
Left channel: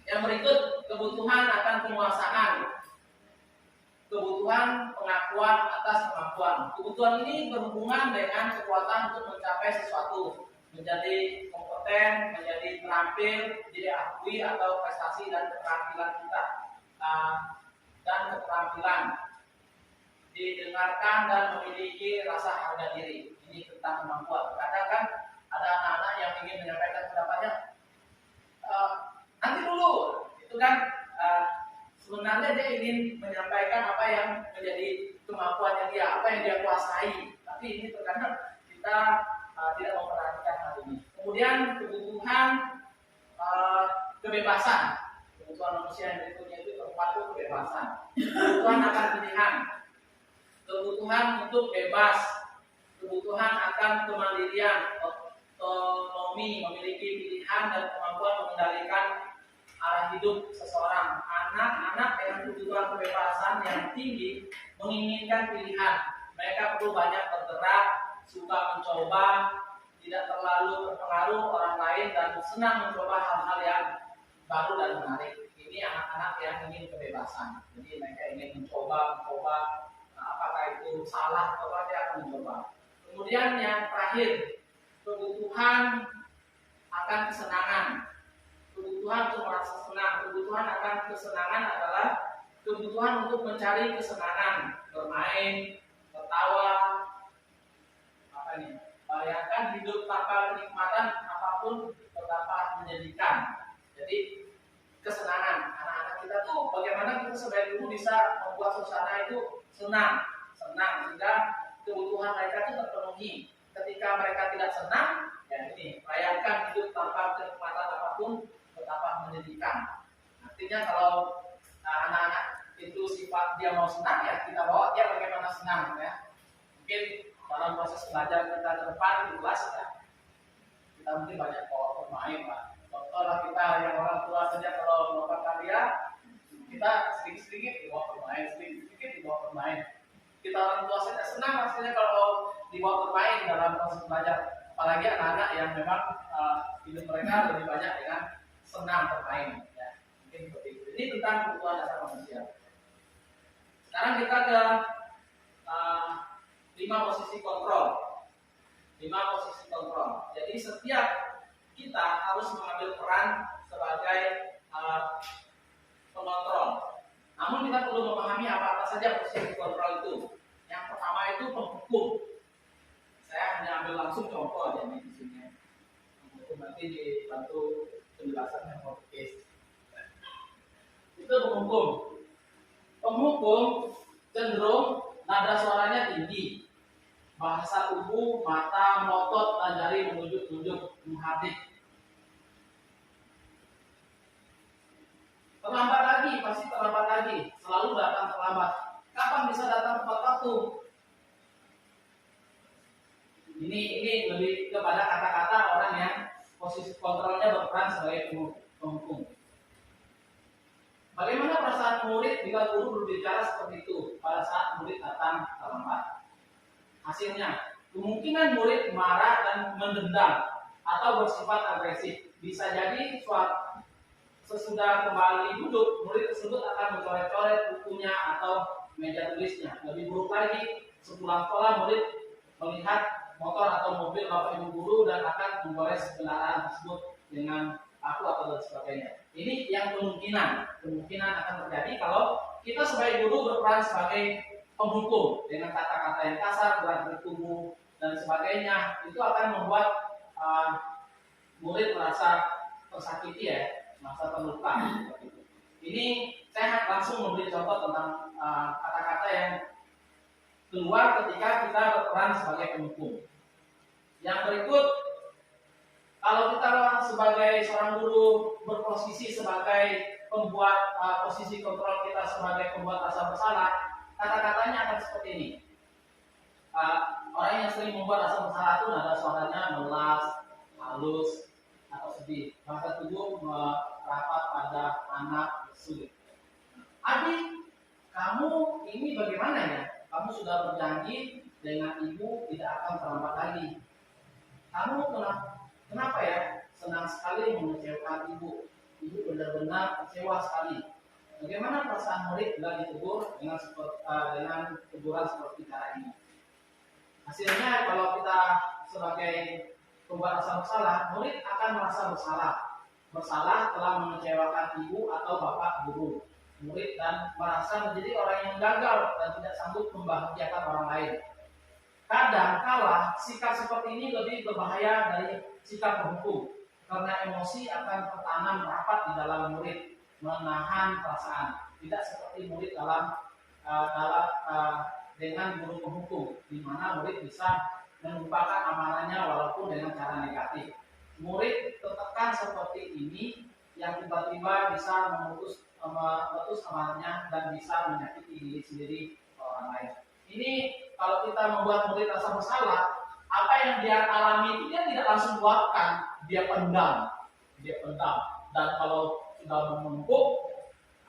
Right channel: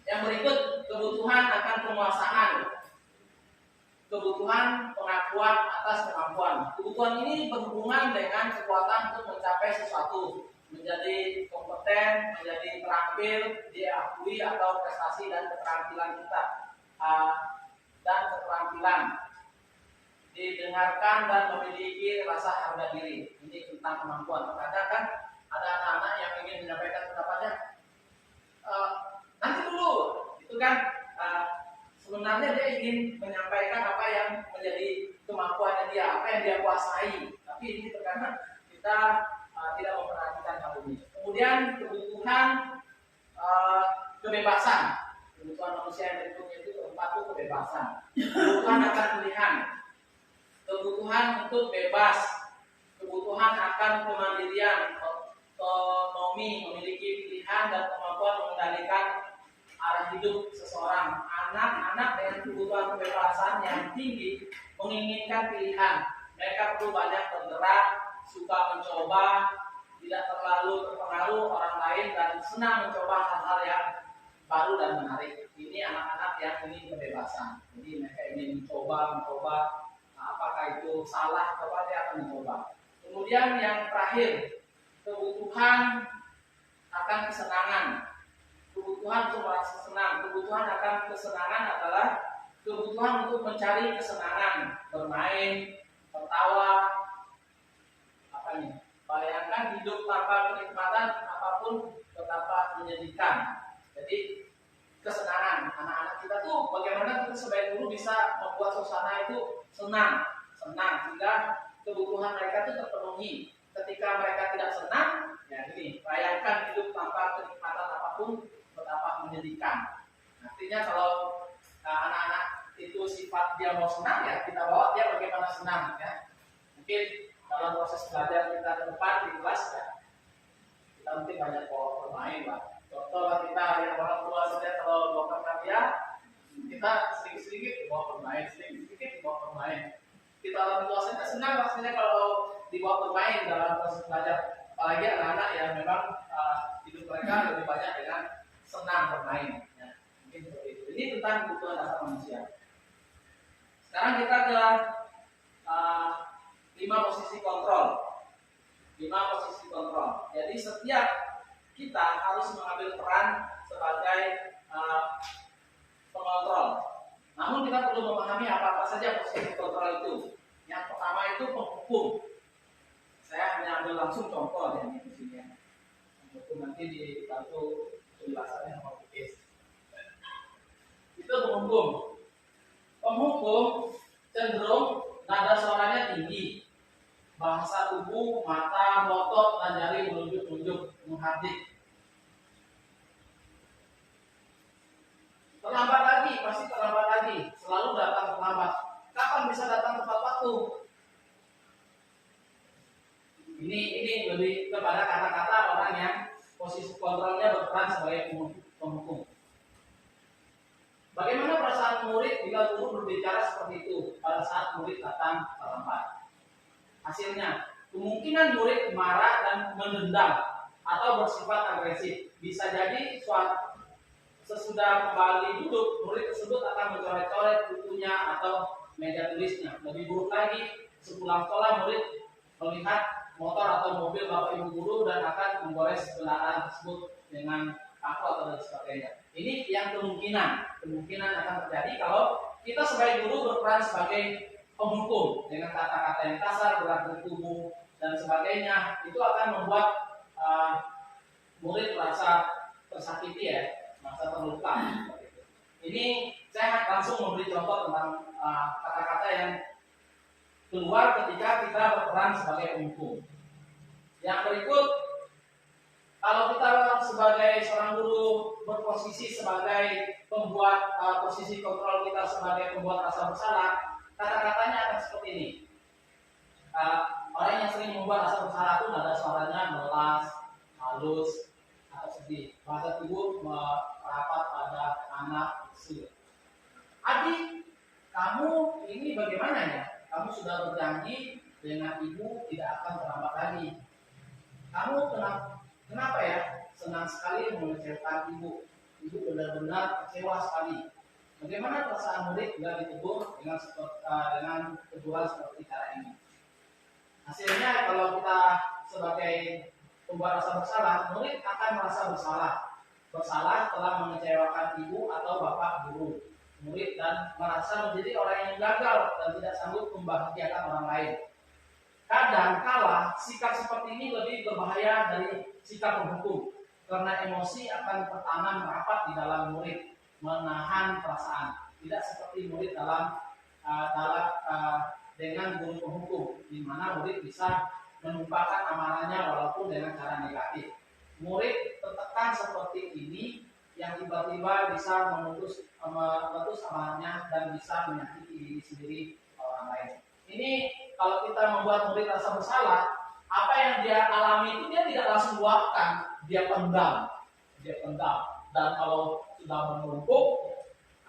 Yang berikut, kebutuhan akan penguasaan. Kebutuhan pengakuan atas kemampuan. Kebutuhan ini berhubungan dengan kekuatan untuk mencapai sesuatu, menjadi kompeten, menjadi terampil, diakui atau prestasi dan keterampilan kita, dan keterampilan didengarkan dan memiliki rasa harga diri. Ini tentang kemampuan. Kadang kan ada anak-anak yang ingin menyampaikan pendapatnya, nanti dulu, itu kan sebenarnya dia ingin menyampaikan apa yang menjadi kemampuannya dia, apa yang dia kuasai. Tapi ini terkadang kita tidak memperhatikan hal ini. Kemudian kebutuhan kebebasan. Kebutuhan manusia yang berikutnya itu keempat itu kebebasan. Kebutuhan akan pilihan. Kebutuhan untuk bebas. Kebutuhan akan kemandirian, otonomi, memiliki pilihan dan kemampuan mengendalikan arah hidup seseorang. Anak-anak dengan kebutuhan kebebasan yang tinggi menginginkan pilihan. Mereka perlu banyak bergerak, suka mencoba, tidak terlalu terpengaruh orang lain, dan senang mencoba hal-hal yang baru dan menarik. Ini anak-anak yang ingin kebebasan. Jadi mereka ingin mencoba, apakah itu salah atau apa, dia akan mencoba. Kemudian yang terakhir, kebutuhan akan kesenangan. Kebutuhan untuk merasa senang. Kebutuhan akan kesenangan adalah kebutuhan untuk mencari kesenangan, bermain, tertawa, bayangkan hidup tanpa kenikmatan apapun betapa menyedihkan. Jadi kesenangan anak-anak kita tuh bagaimana kita sebagai guru bisa membuat suasana itu senang, sehingga kebutuhan mereka itu terpenuhi. Ketika mereka tidak senang, ya ini, bayangkan hidup tanpa kenikmatan apapun betapa menyedihkan. Artinya kalau anak-anak itu sifat dia mau senang, ya kita bawa dia bagaimana senang, ya. Mungkin dalam proses belajar kita ke depan di kelas, ya, kita mungkin banyak bermain lah. Contoh lah, kita yang orang tua saja kalau melakukan hadiah orang tua saja senang rasanya kalau dibawa bermain dalam proses belajar. Apalagi anak-anak yang memang hidup mereka lebih banyak dengan senang bermain. Ya. Mungkin seperti itu. Ini tentang kebutuhan dasar manusia. Sekarang kita ke 5 posisi kontrol. 5 posisi kontrol. Jadi setiap kita harus mengambil peran sebagai pengontrol. Namun kita perlu memahami apa-apa saja posisi kontrol itu. Yang pertama itu penghukum. Saya hanya ambil langsung contoh aja di sini. Penghukum nanti dibantu penjelasannya sama Bukis. Itu penghukum. Penghukum cenderung nada suaranya tinggi. Bahasa tubuh, mata, melotot, dan jari menunjuk-nunjuk, menghardik. Terlambat lagi, pasti terlambat lagi. Selalu datang terlambat. Kapan bisa datang tepat waktu? Ini lebih kepada kata-kata orang yang posisi kontrolnya berperan sebagai penghukum. Bagaimana perasaan murid bila guru berbicara seperti itu pada saat murid datang terlambat? Hasilnya, kemungkinan murid marah dan mendendam atau bersifat agresif. Bisa jadi sesudah kembali duduk, murid tersebut akan mencoret-coret bukunya atau meja tulisnya. Lebih buruk lagi, sepulang sekolah murid melihat motor atau mobil bapak ibu guru dan akan menggores kendaraan tersebut dengan paku atau dan sebagainya. Ini yang kemungkinan akan terjadi kalau kita sebagai guru berperan sebagai penghukum dengan kata-kata yang kasar, gerak-gerik tubuh dan sebagainya. Itu akan membuat murid merasa tersakiti ya, merasa terluka. Ini saya langsung memberi contoh tentang kata-kata yang keluar ketika kita berperan sebagai penghukum. Yang berikut, kalau kita sebagai seorang guru berposisi sebagai pembuat posisi kontrol kita sebagai pembuat rasa bersalah, kata-katanya akan seperti ini. Orang yang sering membuat rasa bersalah itu nada suaranya melas, halus, atau sedih. Bahasa tubuh merapat pada anak, sulit. Adik, kamu ini bagaimana ya? Kamu sudah berjanji dengan ibu tidak akan terlambat lagi. Kamu kenapa ya? Senang sekali mengecewakan ibu. Ibu benar-benar kecewa sekali. Bagaimana perasaan murid bila ditegur dengan teguran seperti cara ini? Hasilnya kalau kita sebagai pembuat rasa bersalah, murid akan merasa bersalah telah mengecewakan ibu atau bapak guru. Murid dan merasa menjadi orang yang gagal dan tidak sanggup membahagiakan orang lain. Kadang kala sikap seperti ini lebih berbahaya dari sikap penghukum karena emosi akan tertanam rapat di dalam murid, menahan perasaan. Tidak seperti murid dengan guru penghukum, di mana murid bisa menumpahkan amarahnya walaupun dengan cara negatif. Murid tertekan seperti ini yang tiba-tiba bisa meletus amarahnya dan bisa menyakiti diri sendiri orang lain. Ini kalau kita membuat murid rasa bersalah, apa yang dia alami itu dia tidak langsung luapkan, dia pendam. Dan kalau sudah menumpuk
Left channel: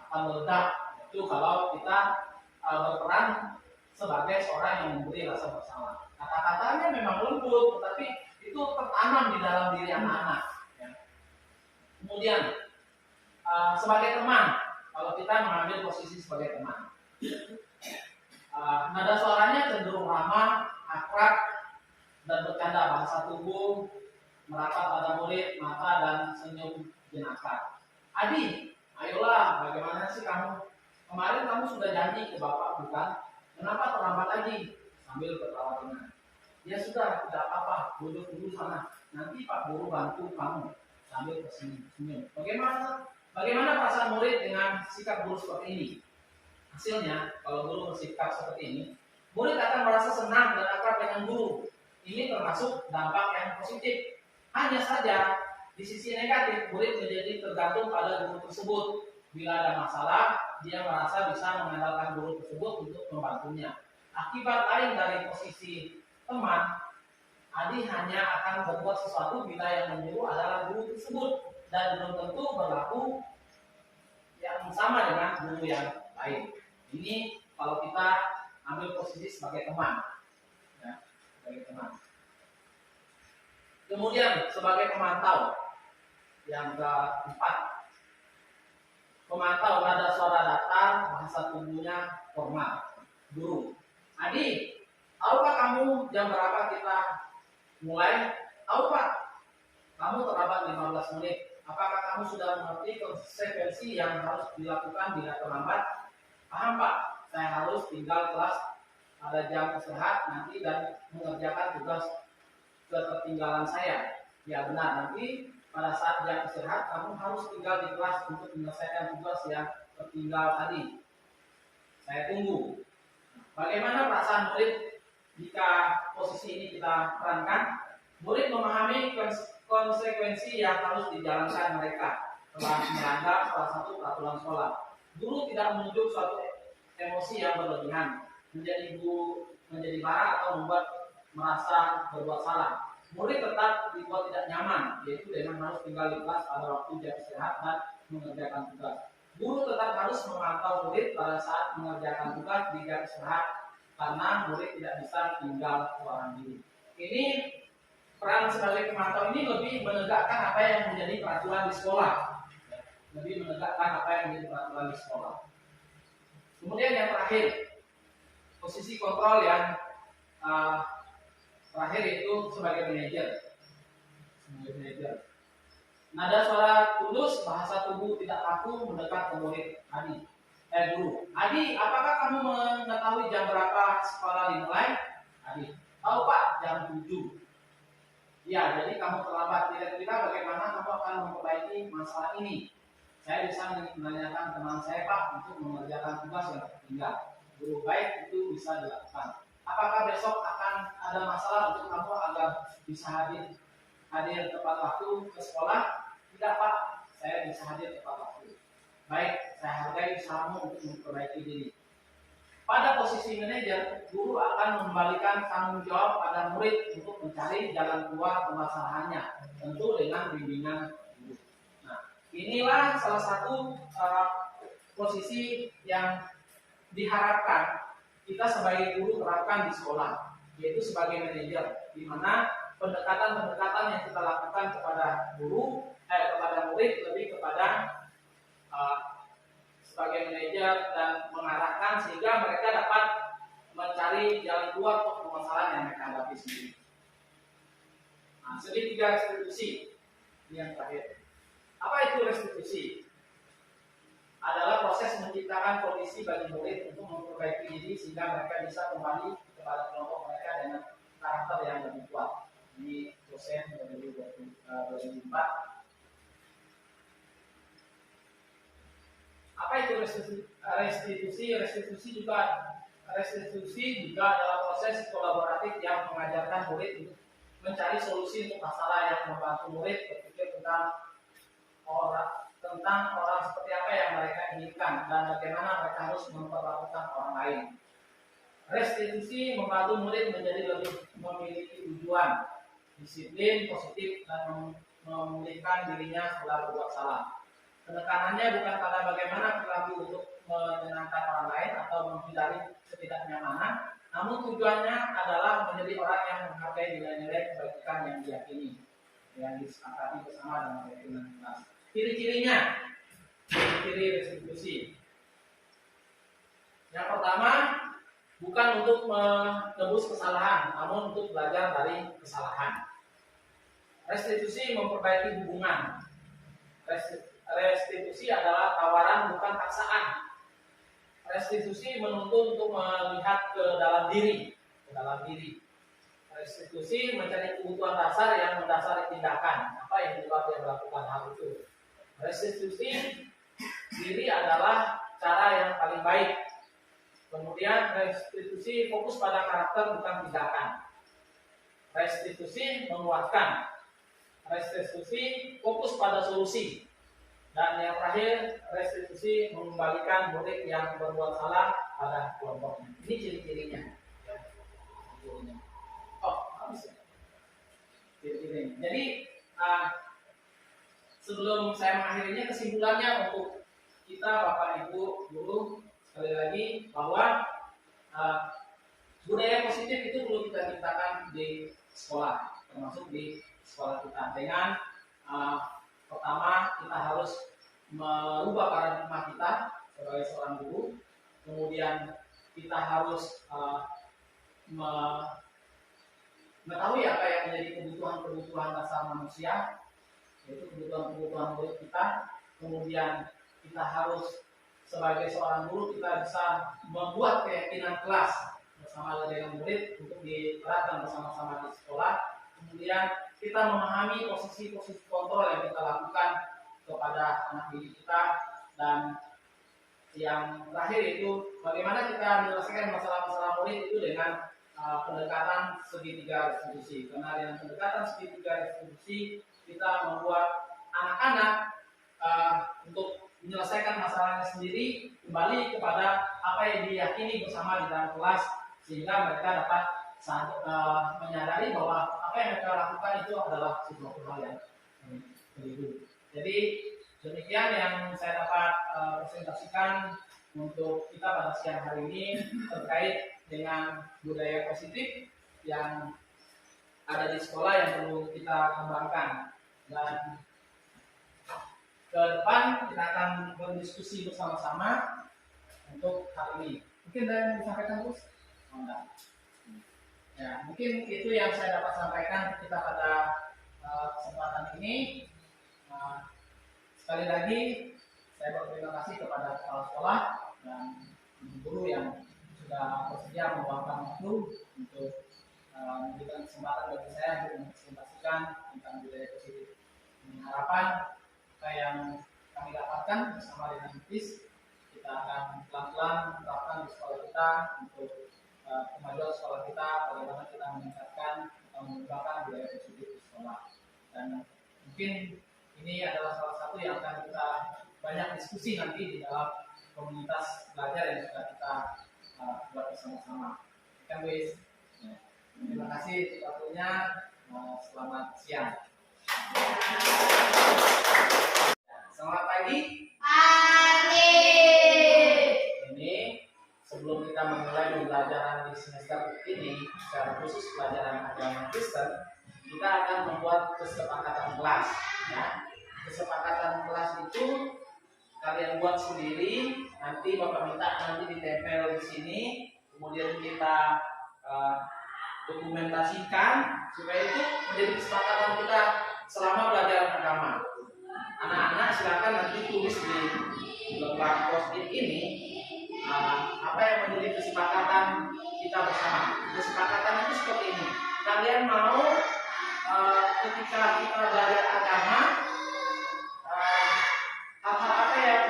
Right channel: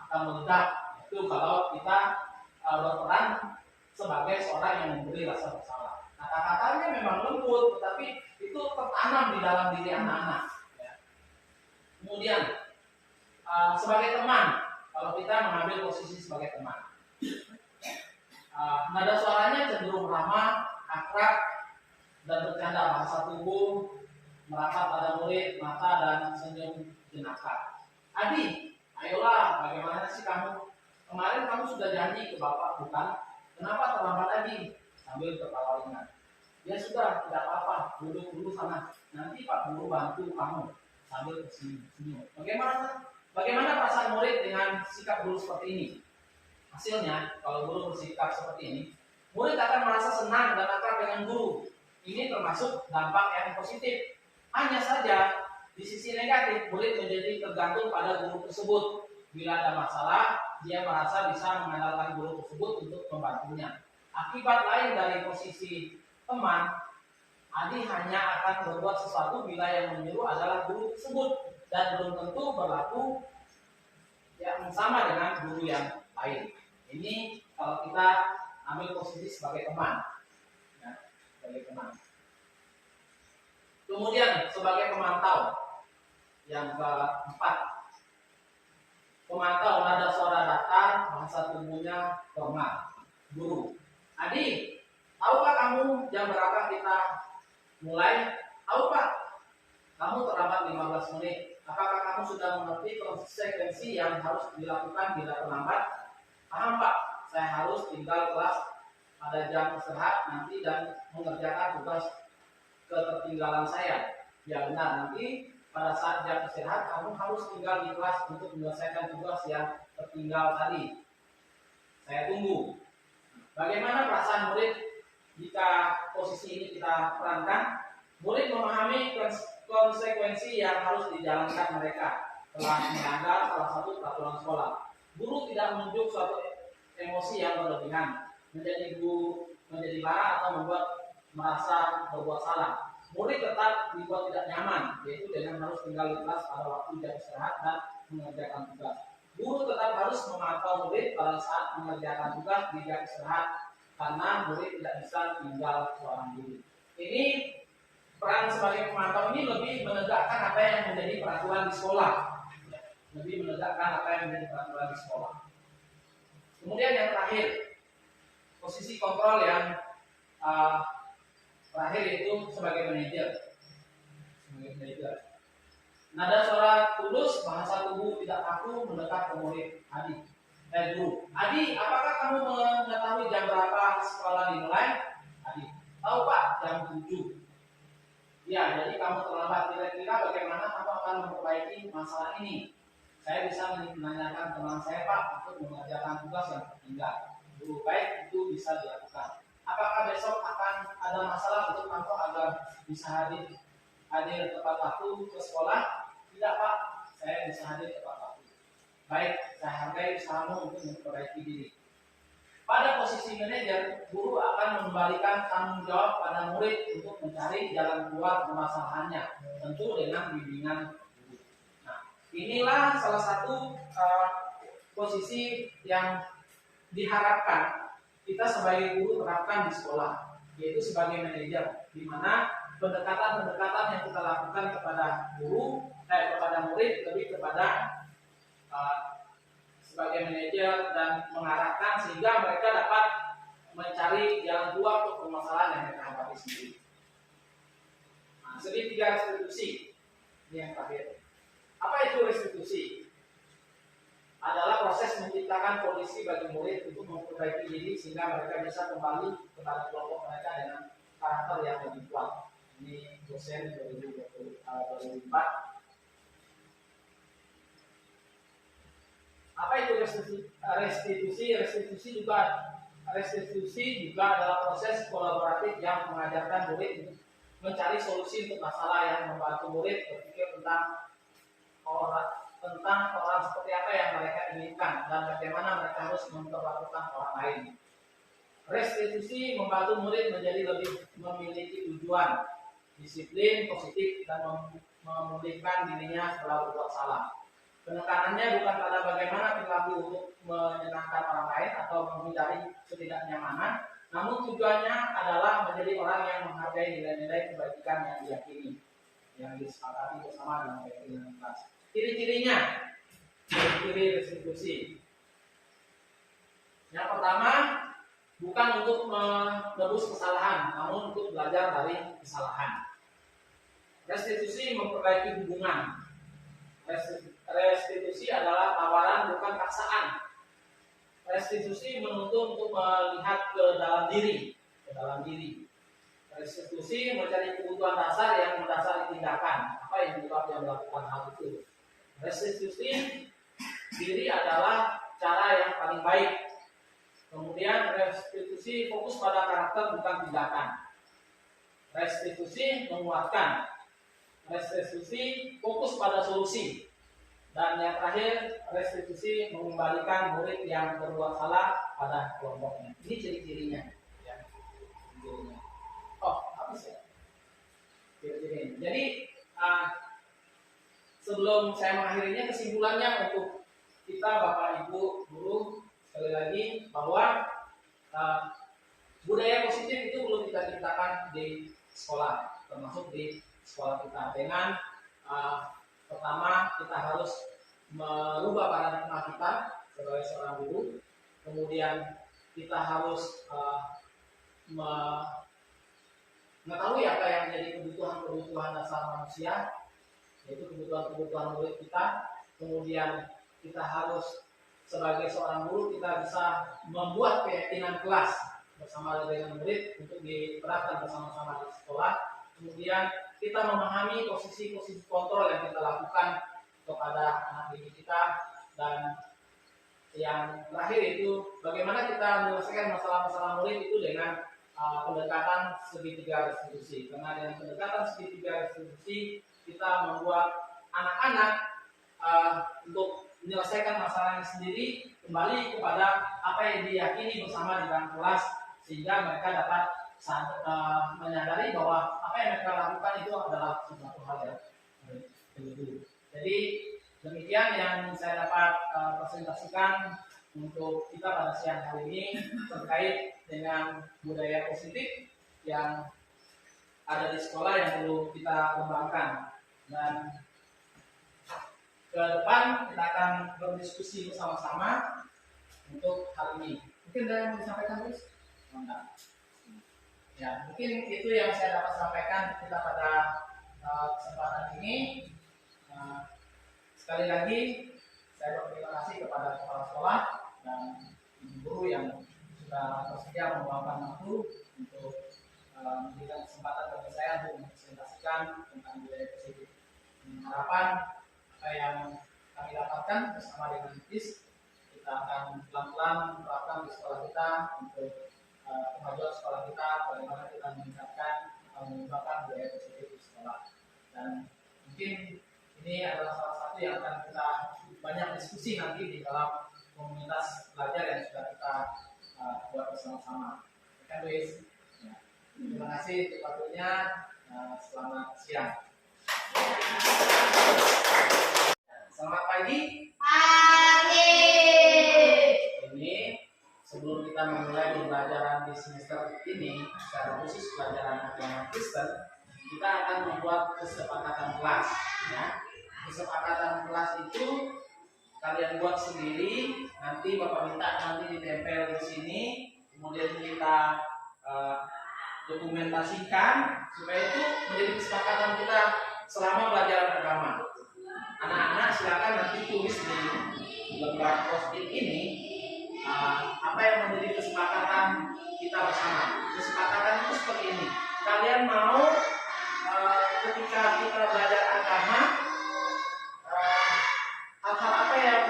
akan meledak. Itu kalau kita berperan sebagai seorang yang memberi rasa bersalah. Kata-katanya memang lembut, tetapi itu tertanam di dalam diri anak-anak. Ya. Kemudian sebagai teman, kalau kita mengambil posisi sebagai teman, nada suaranya cenderung ramah, akrab, dan bercanda. Bahasa tubuh merapat pada murid, mata dan senyum jenaka. Adi, ayolah, bagaimana sih kamu? Kemarin kamu sudah janji ke bapak bukan? Kenapa terlambat lagi? Sambil tertawa ringan. Ya sudah, tidak apa-apa, duduk dulu sana. Nanti Pak Guru bantu kamu. Sambil tersenyum. Bagaimana perasaan murid dengan sikap guru seperti ini? Hasilnya, kalau guru bersikap seperti ini, murid akan merasa senang dan akrab dengan guru. Ini termasuk dampak yang positif. Hanya saja, di sisi negatif, murid menjadi tergantung pada guru tersebut. Bila ada masalah, dia merasa bisa mengandalkan guru tersebut untuk membantunya. Akibat lain dari posisi teman, Adi hanya akan berbuat sesuatu bila yang menyuruh adalah guru tersebut dan belum tentu berlaku yang sama dengan guru yang lain. Ini kalau kita ambil posisi sebagai teman, ya, sebagai teman. Kemudian sebagai pemantau, yang keempat, pemantau nada suara datar, bahasa tubuhnya formal. Guru, Adi, tahukah kamu jam berapa kita mulai? Tahu Pak, kamu terlambat 15 menit. Apakah kamu sudah mengerti konsekuensi yang harus dilakukan bila terlambat? Paham Pak, saya harus tinggal kelas pada jam istirahat nanti dan mengerjakan tugas ketertinggalan saya. Ya benar, nanti pada saat jam istirahat kamu harus tinggal di kelas untuk menyelesaikan tugas yang tertinggal tadi. Saya tunggu. Bagaimana perasaan murid jika posisi ini kita perankan? Murid memahami konsekuensi yang harus dijalankan mereka telah melanggar salah satu peraturan sekolah. Guru tidak menunjuk suatu emosi yang berlebihan, menjadi marah atau membuat merasa berbuat salah. Murid tetap dibuat tidak nyaman, yaitu dengan harus tinggal di kelas pada waktu jam istirahat dan mengerjakan tugas. Guru tetap harus memantau murid pada saat mengerjakan tugas di jam istirahat, karena murid tidak bisa tinggal seorang diri. Ini peran sebagai pemantau ini lebih menegakkan apa yang menjadi peraturan di sekolah, lebih menegakkan apa yang menjadi peraturan di sekolah. Kemudian yang terakhir, posisi kontrol yang terakhir itu sebagai manajer. Nada suara tulus, bahasa tubuh tidak kaku mendekat ke murid Adi. Guru, Adi, apakah kamu mengetahui jam berapa sekolah dimulai? Adi, tahu Pak, jam 7. Ya, jadi kamu terlambat. Kira-kira bagaimana kamu akan memperbaiki masalah ini? Saya bisa menanyakan teman saya Pak untuk mengerjakan tugas yang tertinggal. Guru, baik, itu bisa dilakukan. Apakah besok akan ada masalah untuk kamu agar bisa hadir tepat waktu ke sekolah? Tidak Pak, saya bisa hadir tepat waktu. Baik, saya hargai usahamu untuk memperbaiki diri. Pada posisi manajer, guru akan mengembalikan tanggung jawab pada murid untuk mencari jalan keluar permasalahannya, tentu dengan bimbingan guru. Nah, inilah salah satu posisi yang diharapkan kita sebagai guru terapkan di sekolah, yaitu sebagai manajer, di mana pendekatan-pendekatan yang kita lakukan kepada kepada murid lebih kepada sebagai manajer dan mengarahkan sehingga mereka dapat mencari jalan keluar untuk permasalahan yang mereka hadapi sendiri. Nah, segitiga restitusi ini yang terakhir. Apa itu restitusi? Adalah proses menciptakan kondisi bagi murid untuk memperbaiki diri sehingga mereka bisa kembali kepada kelompok mereka dengan karakter yang lebih kuat. Ini dosen 2004. Apa itu restitusi? Restitusi juga adalah proses kolaboratif yang mengajarkan murid untuk mencari solusi untuk masalah yang membantu murid berpikir tentang orang seperti apa yang mereka inginkan dan bagaimana mereka harus memperlakukan orang lain. Restitusi membantu murid menjadi lebih memiliki tujuan, disiplin, positif, dan memulihkan dirinya setelah berbuat salah. Penekanannya bukan pada bagaimana perilaku untuk menyenangkan orang lain atau menghindari ketidaknyamanan, namun tujuannya adalah menjadi orang yang menghargai nilai-nilai kebajikan yang diyakini, yang disepakati bersama dalam keyakinan kelas. Ciri-cirinya, ciri restitusi. Yang pertama, bukan untuk menebus kesalahan, namun untuk belajar dari kesalahan. Restitusi memperbaiki hubungan. Restitusi adalah tawaran bukan paksaan. Restitusi menuntut untuk melihat ke dalam diri. Restitusi mencari kebutuhan dasar yang mendasari tindakan. Apa yang menyebabkan dia melakukan hal itu? Restitusi diri adalah cara yang paling baik. Kemudian restitusi fokus pada karakter bukan tindakan. Restitusi menguatkan. Restitusi fokus pada solusi. Dan yang terakhir, restitusi mengembalikan murid yang berbuat salah pada kelompoknya. Ini ciri-cirinya. Ya. Ciri-cirinya. Oh, habis ya. Ciri-cirinya. Jadi, sebelum saya mengakhirinya, kesimpulannya untuk kita Bapak Ibu Guru, sekali lagi bahwa budaya positif itu perlu kita ciptakan di sekolah, termasuk di sekolah kita. Dengan pertama kita harus merubah paradigma kita sebagai seorang guru, kemudian kita harus mengetahui apa yang menjadi kebutuhan dasar manusia, yaitu kebutuhan murid kita. Kemudian kita harus sebagai seorang guru kita bisa membuat keyakinan kelas bersama dengan murid untuk diterapkan bersama-sama di sekolah. Kemudian kita memahami posisi-posisi kontrol yang kita lakukan kepada anak didik kita. Dan yang terakhir itu bagaimana kita menyelesaikan masalah-masalah murid itu dengan pendekatan segitiga restitusi. Karena dengan pendekatan segitiga restitusi kita membuat anak-anak untuk menyelesaikan masalahnya sendiri kembali kepada apa yang diyakini bersama di dalam kelas, sehingga mereka dapat menyadari bahwa apa yang mereka lakukan itu adalah sesuatu hal yang begitu. Jadi demikian yang saya dapat presentasikan untuk kita pada siang hari ini terkait dengan budaya positif yang ada di sekolah yang perlu kita kembangkan. Dan ke depan kita akan berdiskusi bersama-sama untuk hal ini. Mungkin ada yang mau disampaikan, Gus? Oh, enggak. Ya, mungkin itu yang saya dapat sampaikan kita pada kesempatan ini. Sekali lagi saya berterima kasih kepada kepala sekolah dan guru yang sudah bersedia meluangkan waktu untuk memberikan kesempatan bagi saya untuk mempresentasikan tentang budaya positif. Harapan apa yang kami dapatkan bersama dengan TIS, kita akan pelan-pelan menerapkan di sekolah kita untuk kemajuan sekolah kita, bagaimana kita meningkatkan atau mengembangkan budaya positif di sekolah. Dan mungkin ini adalah salah satu yang akan kita banyak diskusi nanti di dalam komunitas belajar yang sudah kita buat bersama-sama. Kan, Wis? Ya. Terima kasih untuk waktunya. Selamat siang. Selamat pagi. Pagi. Ini sebelum kita memulai pembelajaran di semester ini, secara khusus pelajaran agama Kristen, kita akan membuat kesepakatan kelas. Ya. Kesepakatan kelas itu kalian buat sendiri, nanti Bapak minta nanti ditempel di sini, kemudian kita dokumentasikan supaya itu menjadi kesepakatan kita selama pelajaran agama. Anak-anak silakan nanti tulis di lembar post-it ini apa yang menjadi kesepakatan kita bersama. Kesepakatan itu seperti ini. Kalian mau ketika kita belajar agama, hal-hal apa yang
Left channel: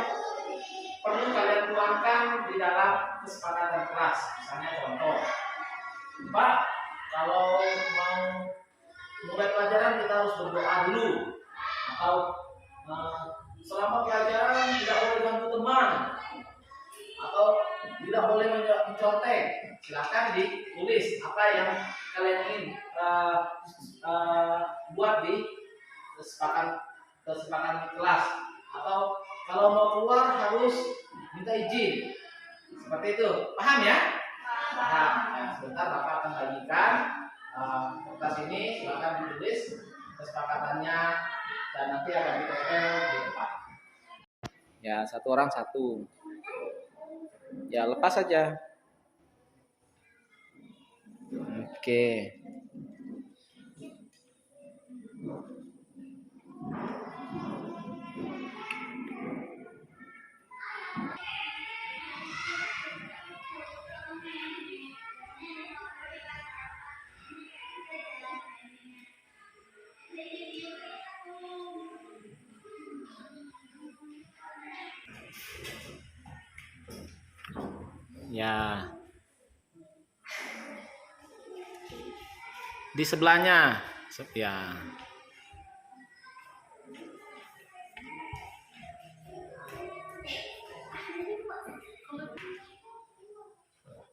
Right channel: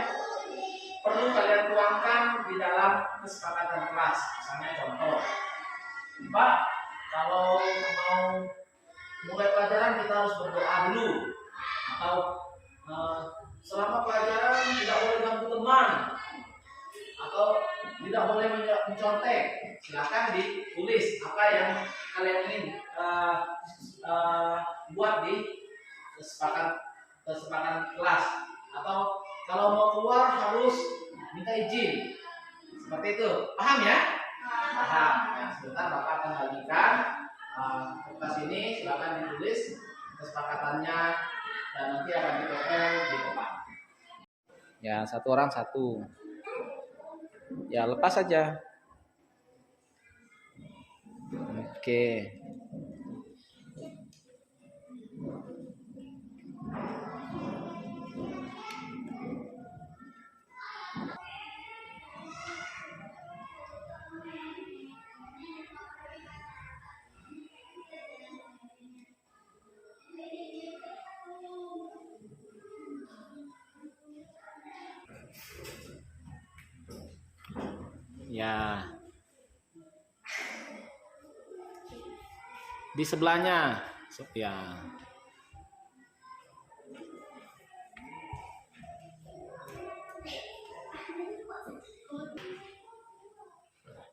perlu kalian tuangkan di dalam kesepakatan kelas? Misalnya contoh, Pak, kalau mau mulai pelajaran kita harus berdoa dulu, atau selama pelajaran tidak boleh ganggu teman, atau tidak boleh mencontek. Silakan ditulis apa yang kalian ingin buat di kesepakatan kelas. Atau kalau mau keluar harus minta izin. Seperti itu. Paham ya? Paham. Nah, sebentar Bapak akan bagikan kertas ini, silakan ditulis kesepakatannya dan nanti akan ditempel di depan. Ya, satu orang satu. Ya, lepas saja. Oke. Ya. Di sebelahnya. Ya.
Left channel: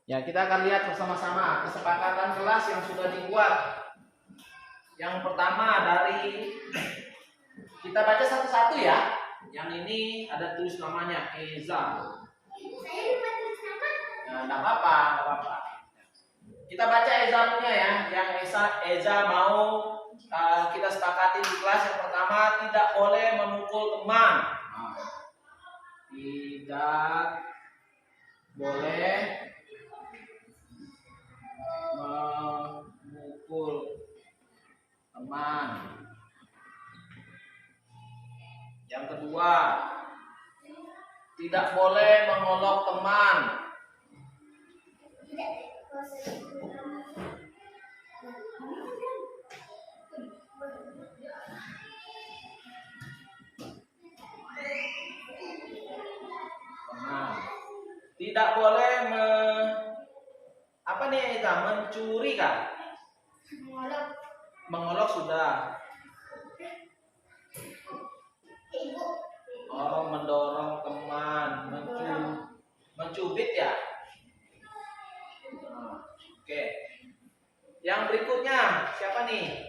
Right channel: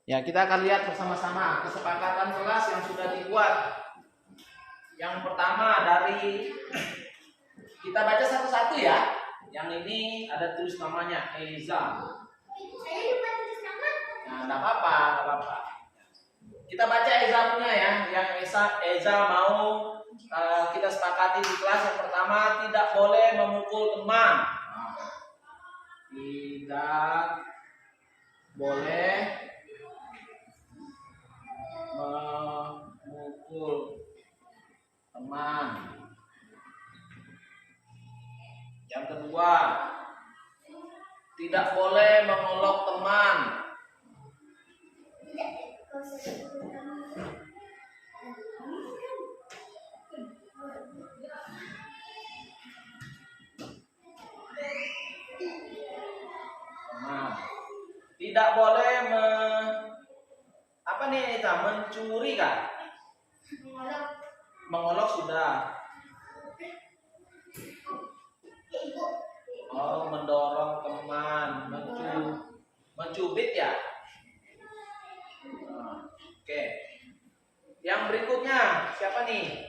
Ya, kita akan lihat bersama-sama kesepakatan kelas yang sudah dibuat. Yang pertama dari kita baca satu-satu ya. Yang ini ada tulis namanya Eza. Saya lupa tulis nama. Nah, enggak apa-apa, enggak apa-apa. Kita baca Eza punya ya, yang Eza mau kita sepakati di kelas. Yang pertama, tidak boleh memukul teman. Nah, tidak boleh memukul teman. Yang kedua, tidak boleh mengolok teman. Tidak boleh apa nih Ita? Mencuri kan? Mengolok sudah. Oh, mendorong teman, mencubit ya. Nah, oke. Yang berikutnya siapa nih?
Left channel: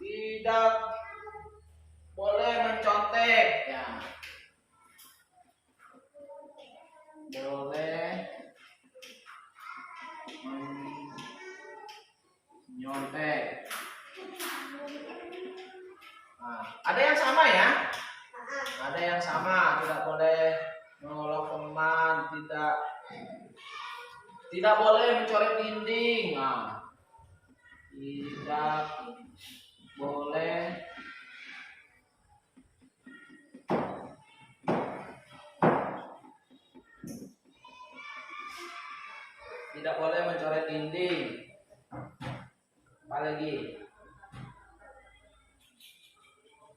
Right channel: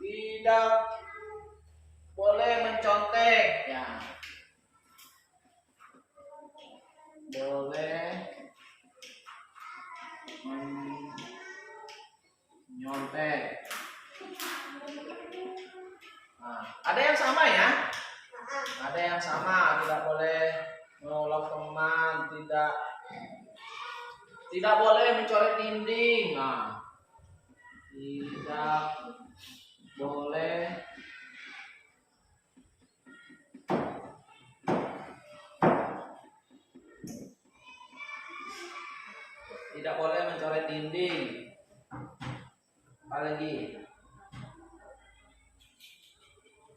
Tidak boleh mencontek ya. Boleh menyontek. Nah, ada yang sama ya? Ada yang sama, tidak boleh mengolok teman, tidak boleh mencoret dinding. Nah, tidak boleh mencoret dinding. Apa lagi?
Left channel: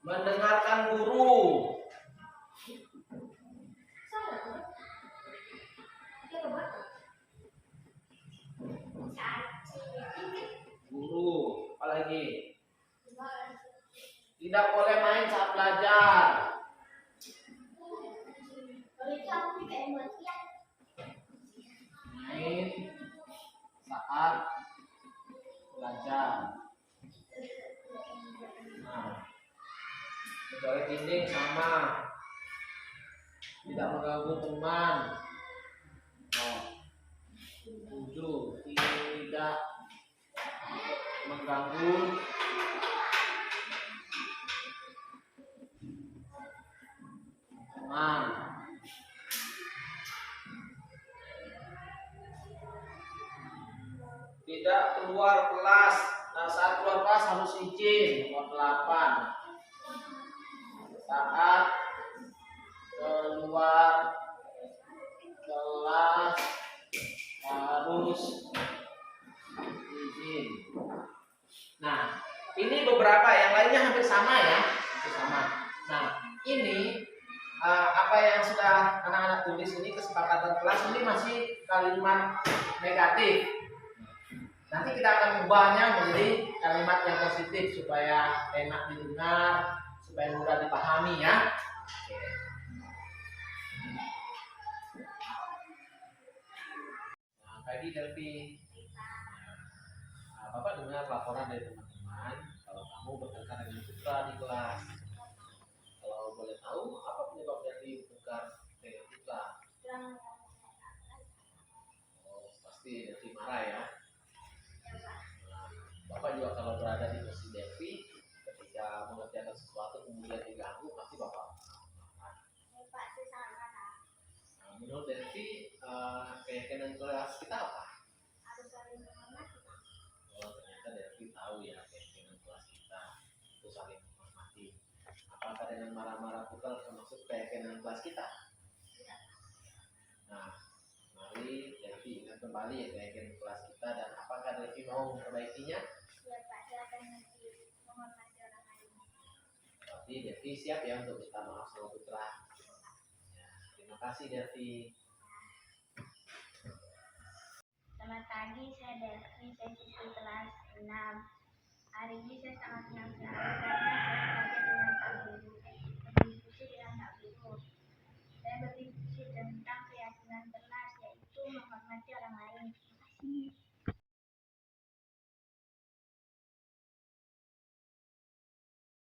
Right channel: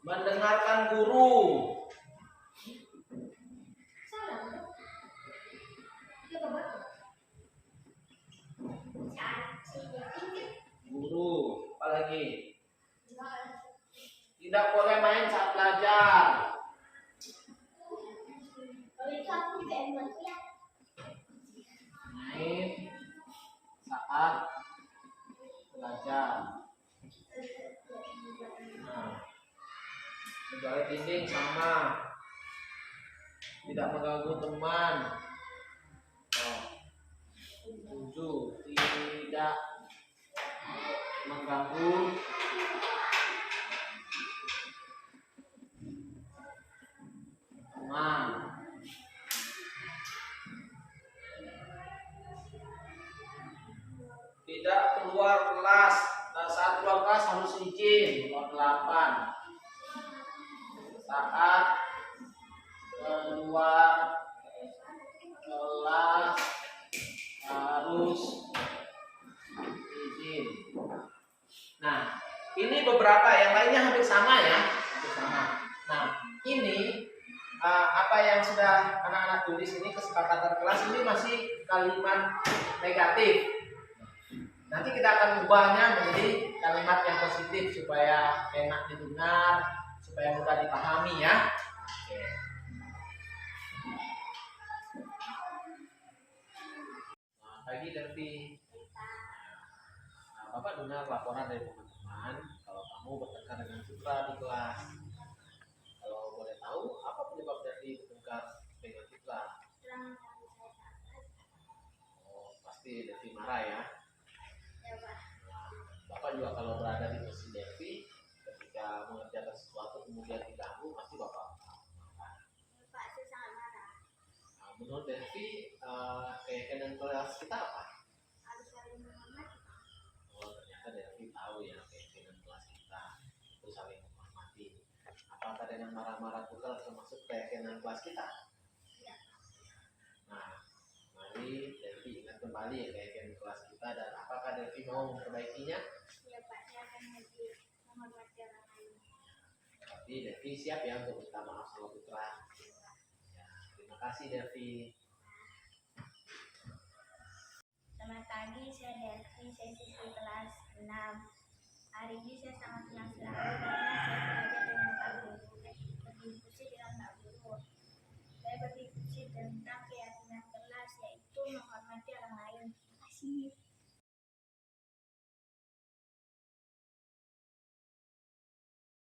Mendengarkan guru. Guru, apa lagi? Tidak boleh main saat belajar. Main saat belajar. Nah, mencoret dinding sama. Tidak mengganggu teman. Oh. 7. Tidak mengganggu teman. Tidak keluar kelas. Nah, saat keluar kelas harus izin. Nomor 8. Saat keluar kelas harus izin. Nah, ini beberapa, yang lainnya hampir sama ya, hampir sama. Nah, ini apa yang sudah anak-anak tulis ini, kesepakatan kelas ini masih kalimat negatif. Nanti kita akan ubahnya menjadi kalimat yang positif supaya enak didengar, supaya mudah dipahami ya. Oke. Nah, pagi Delvi. Nah, Bapak dengar laporan dari teman-teman kalau kamu bertengkar dengan Citra di kelas. Kalau boleh tahu, apa penyebab Delvi bertengkar dengan Citra? Oh, pasti Delvi marah ya. Bapak juga kalau berada di posisi Delvi, ketika mengerjakan sesuatu kemudian diganggu, pasti Bapak marah. Pak, saya sangat marah. Nah, menurut Delvi, keyakinan kelas kita apa? Harus saling menghormati. Oh, ternyata Delvi tahu ya keyakinan kelas kita itu saling menghormati. Apakah dengan marah-marah kita termasuk keyakinan kelas kita? Tidak. Nah, mari Delvi ingat kembali ya keyakinan kelas kita, dan apakah Delvi mau memperbaikinya? Ya Pak, saya akan menghormati orang lain. Tapi Delvi siap ya untuk minta maaf sama Putra. Ya, terima kasih Delvi. Selamat pagi, saya Delvi, saya siswi kelas 6. Hari ini saya sangat senang sekali karena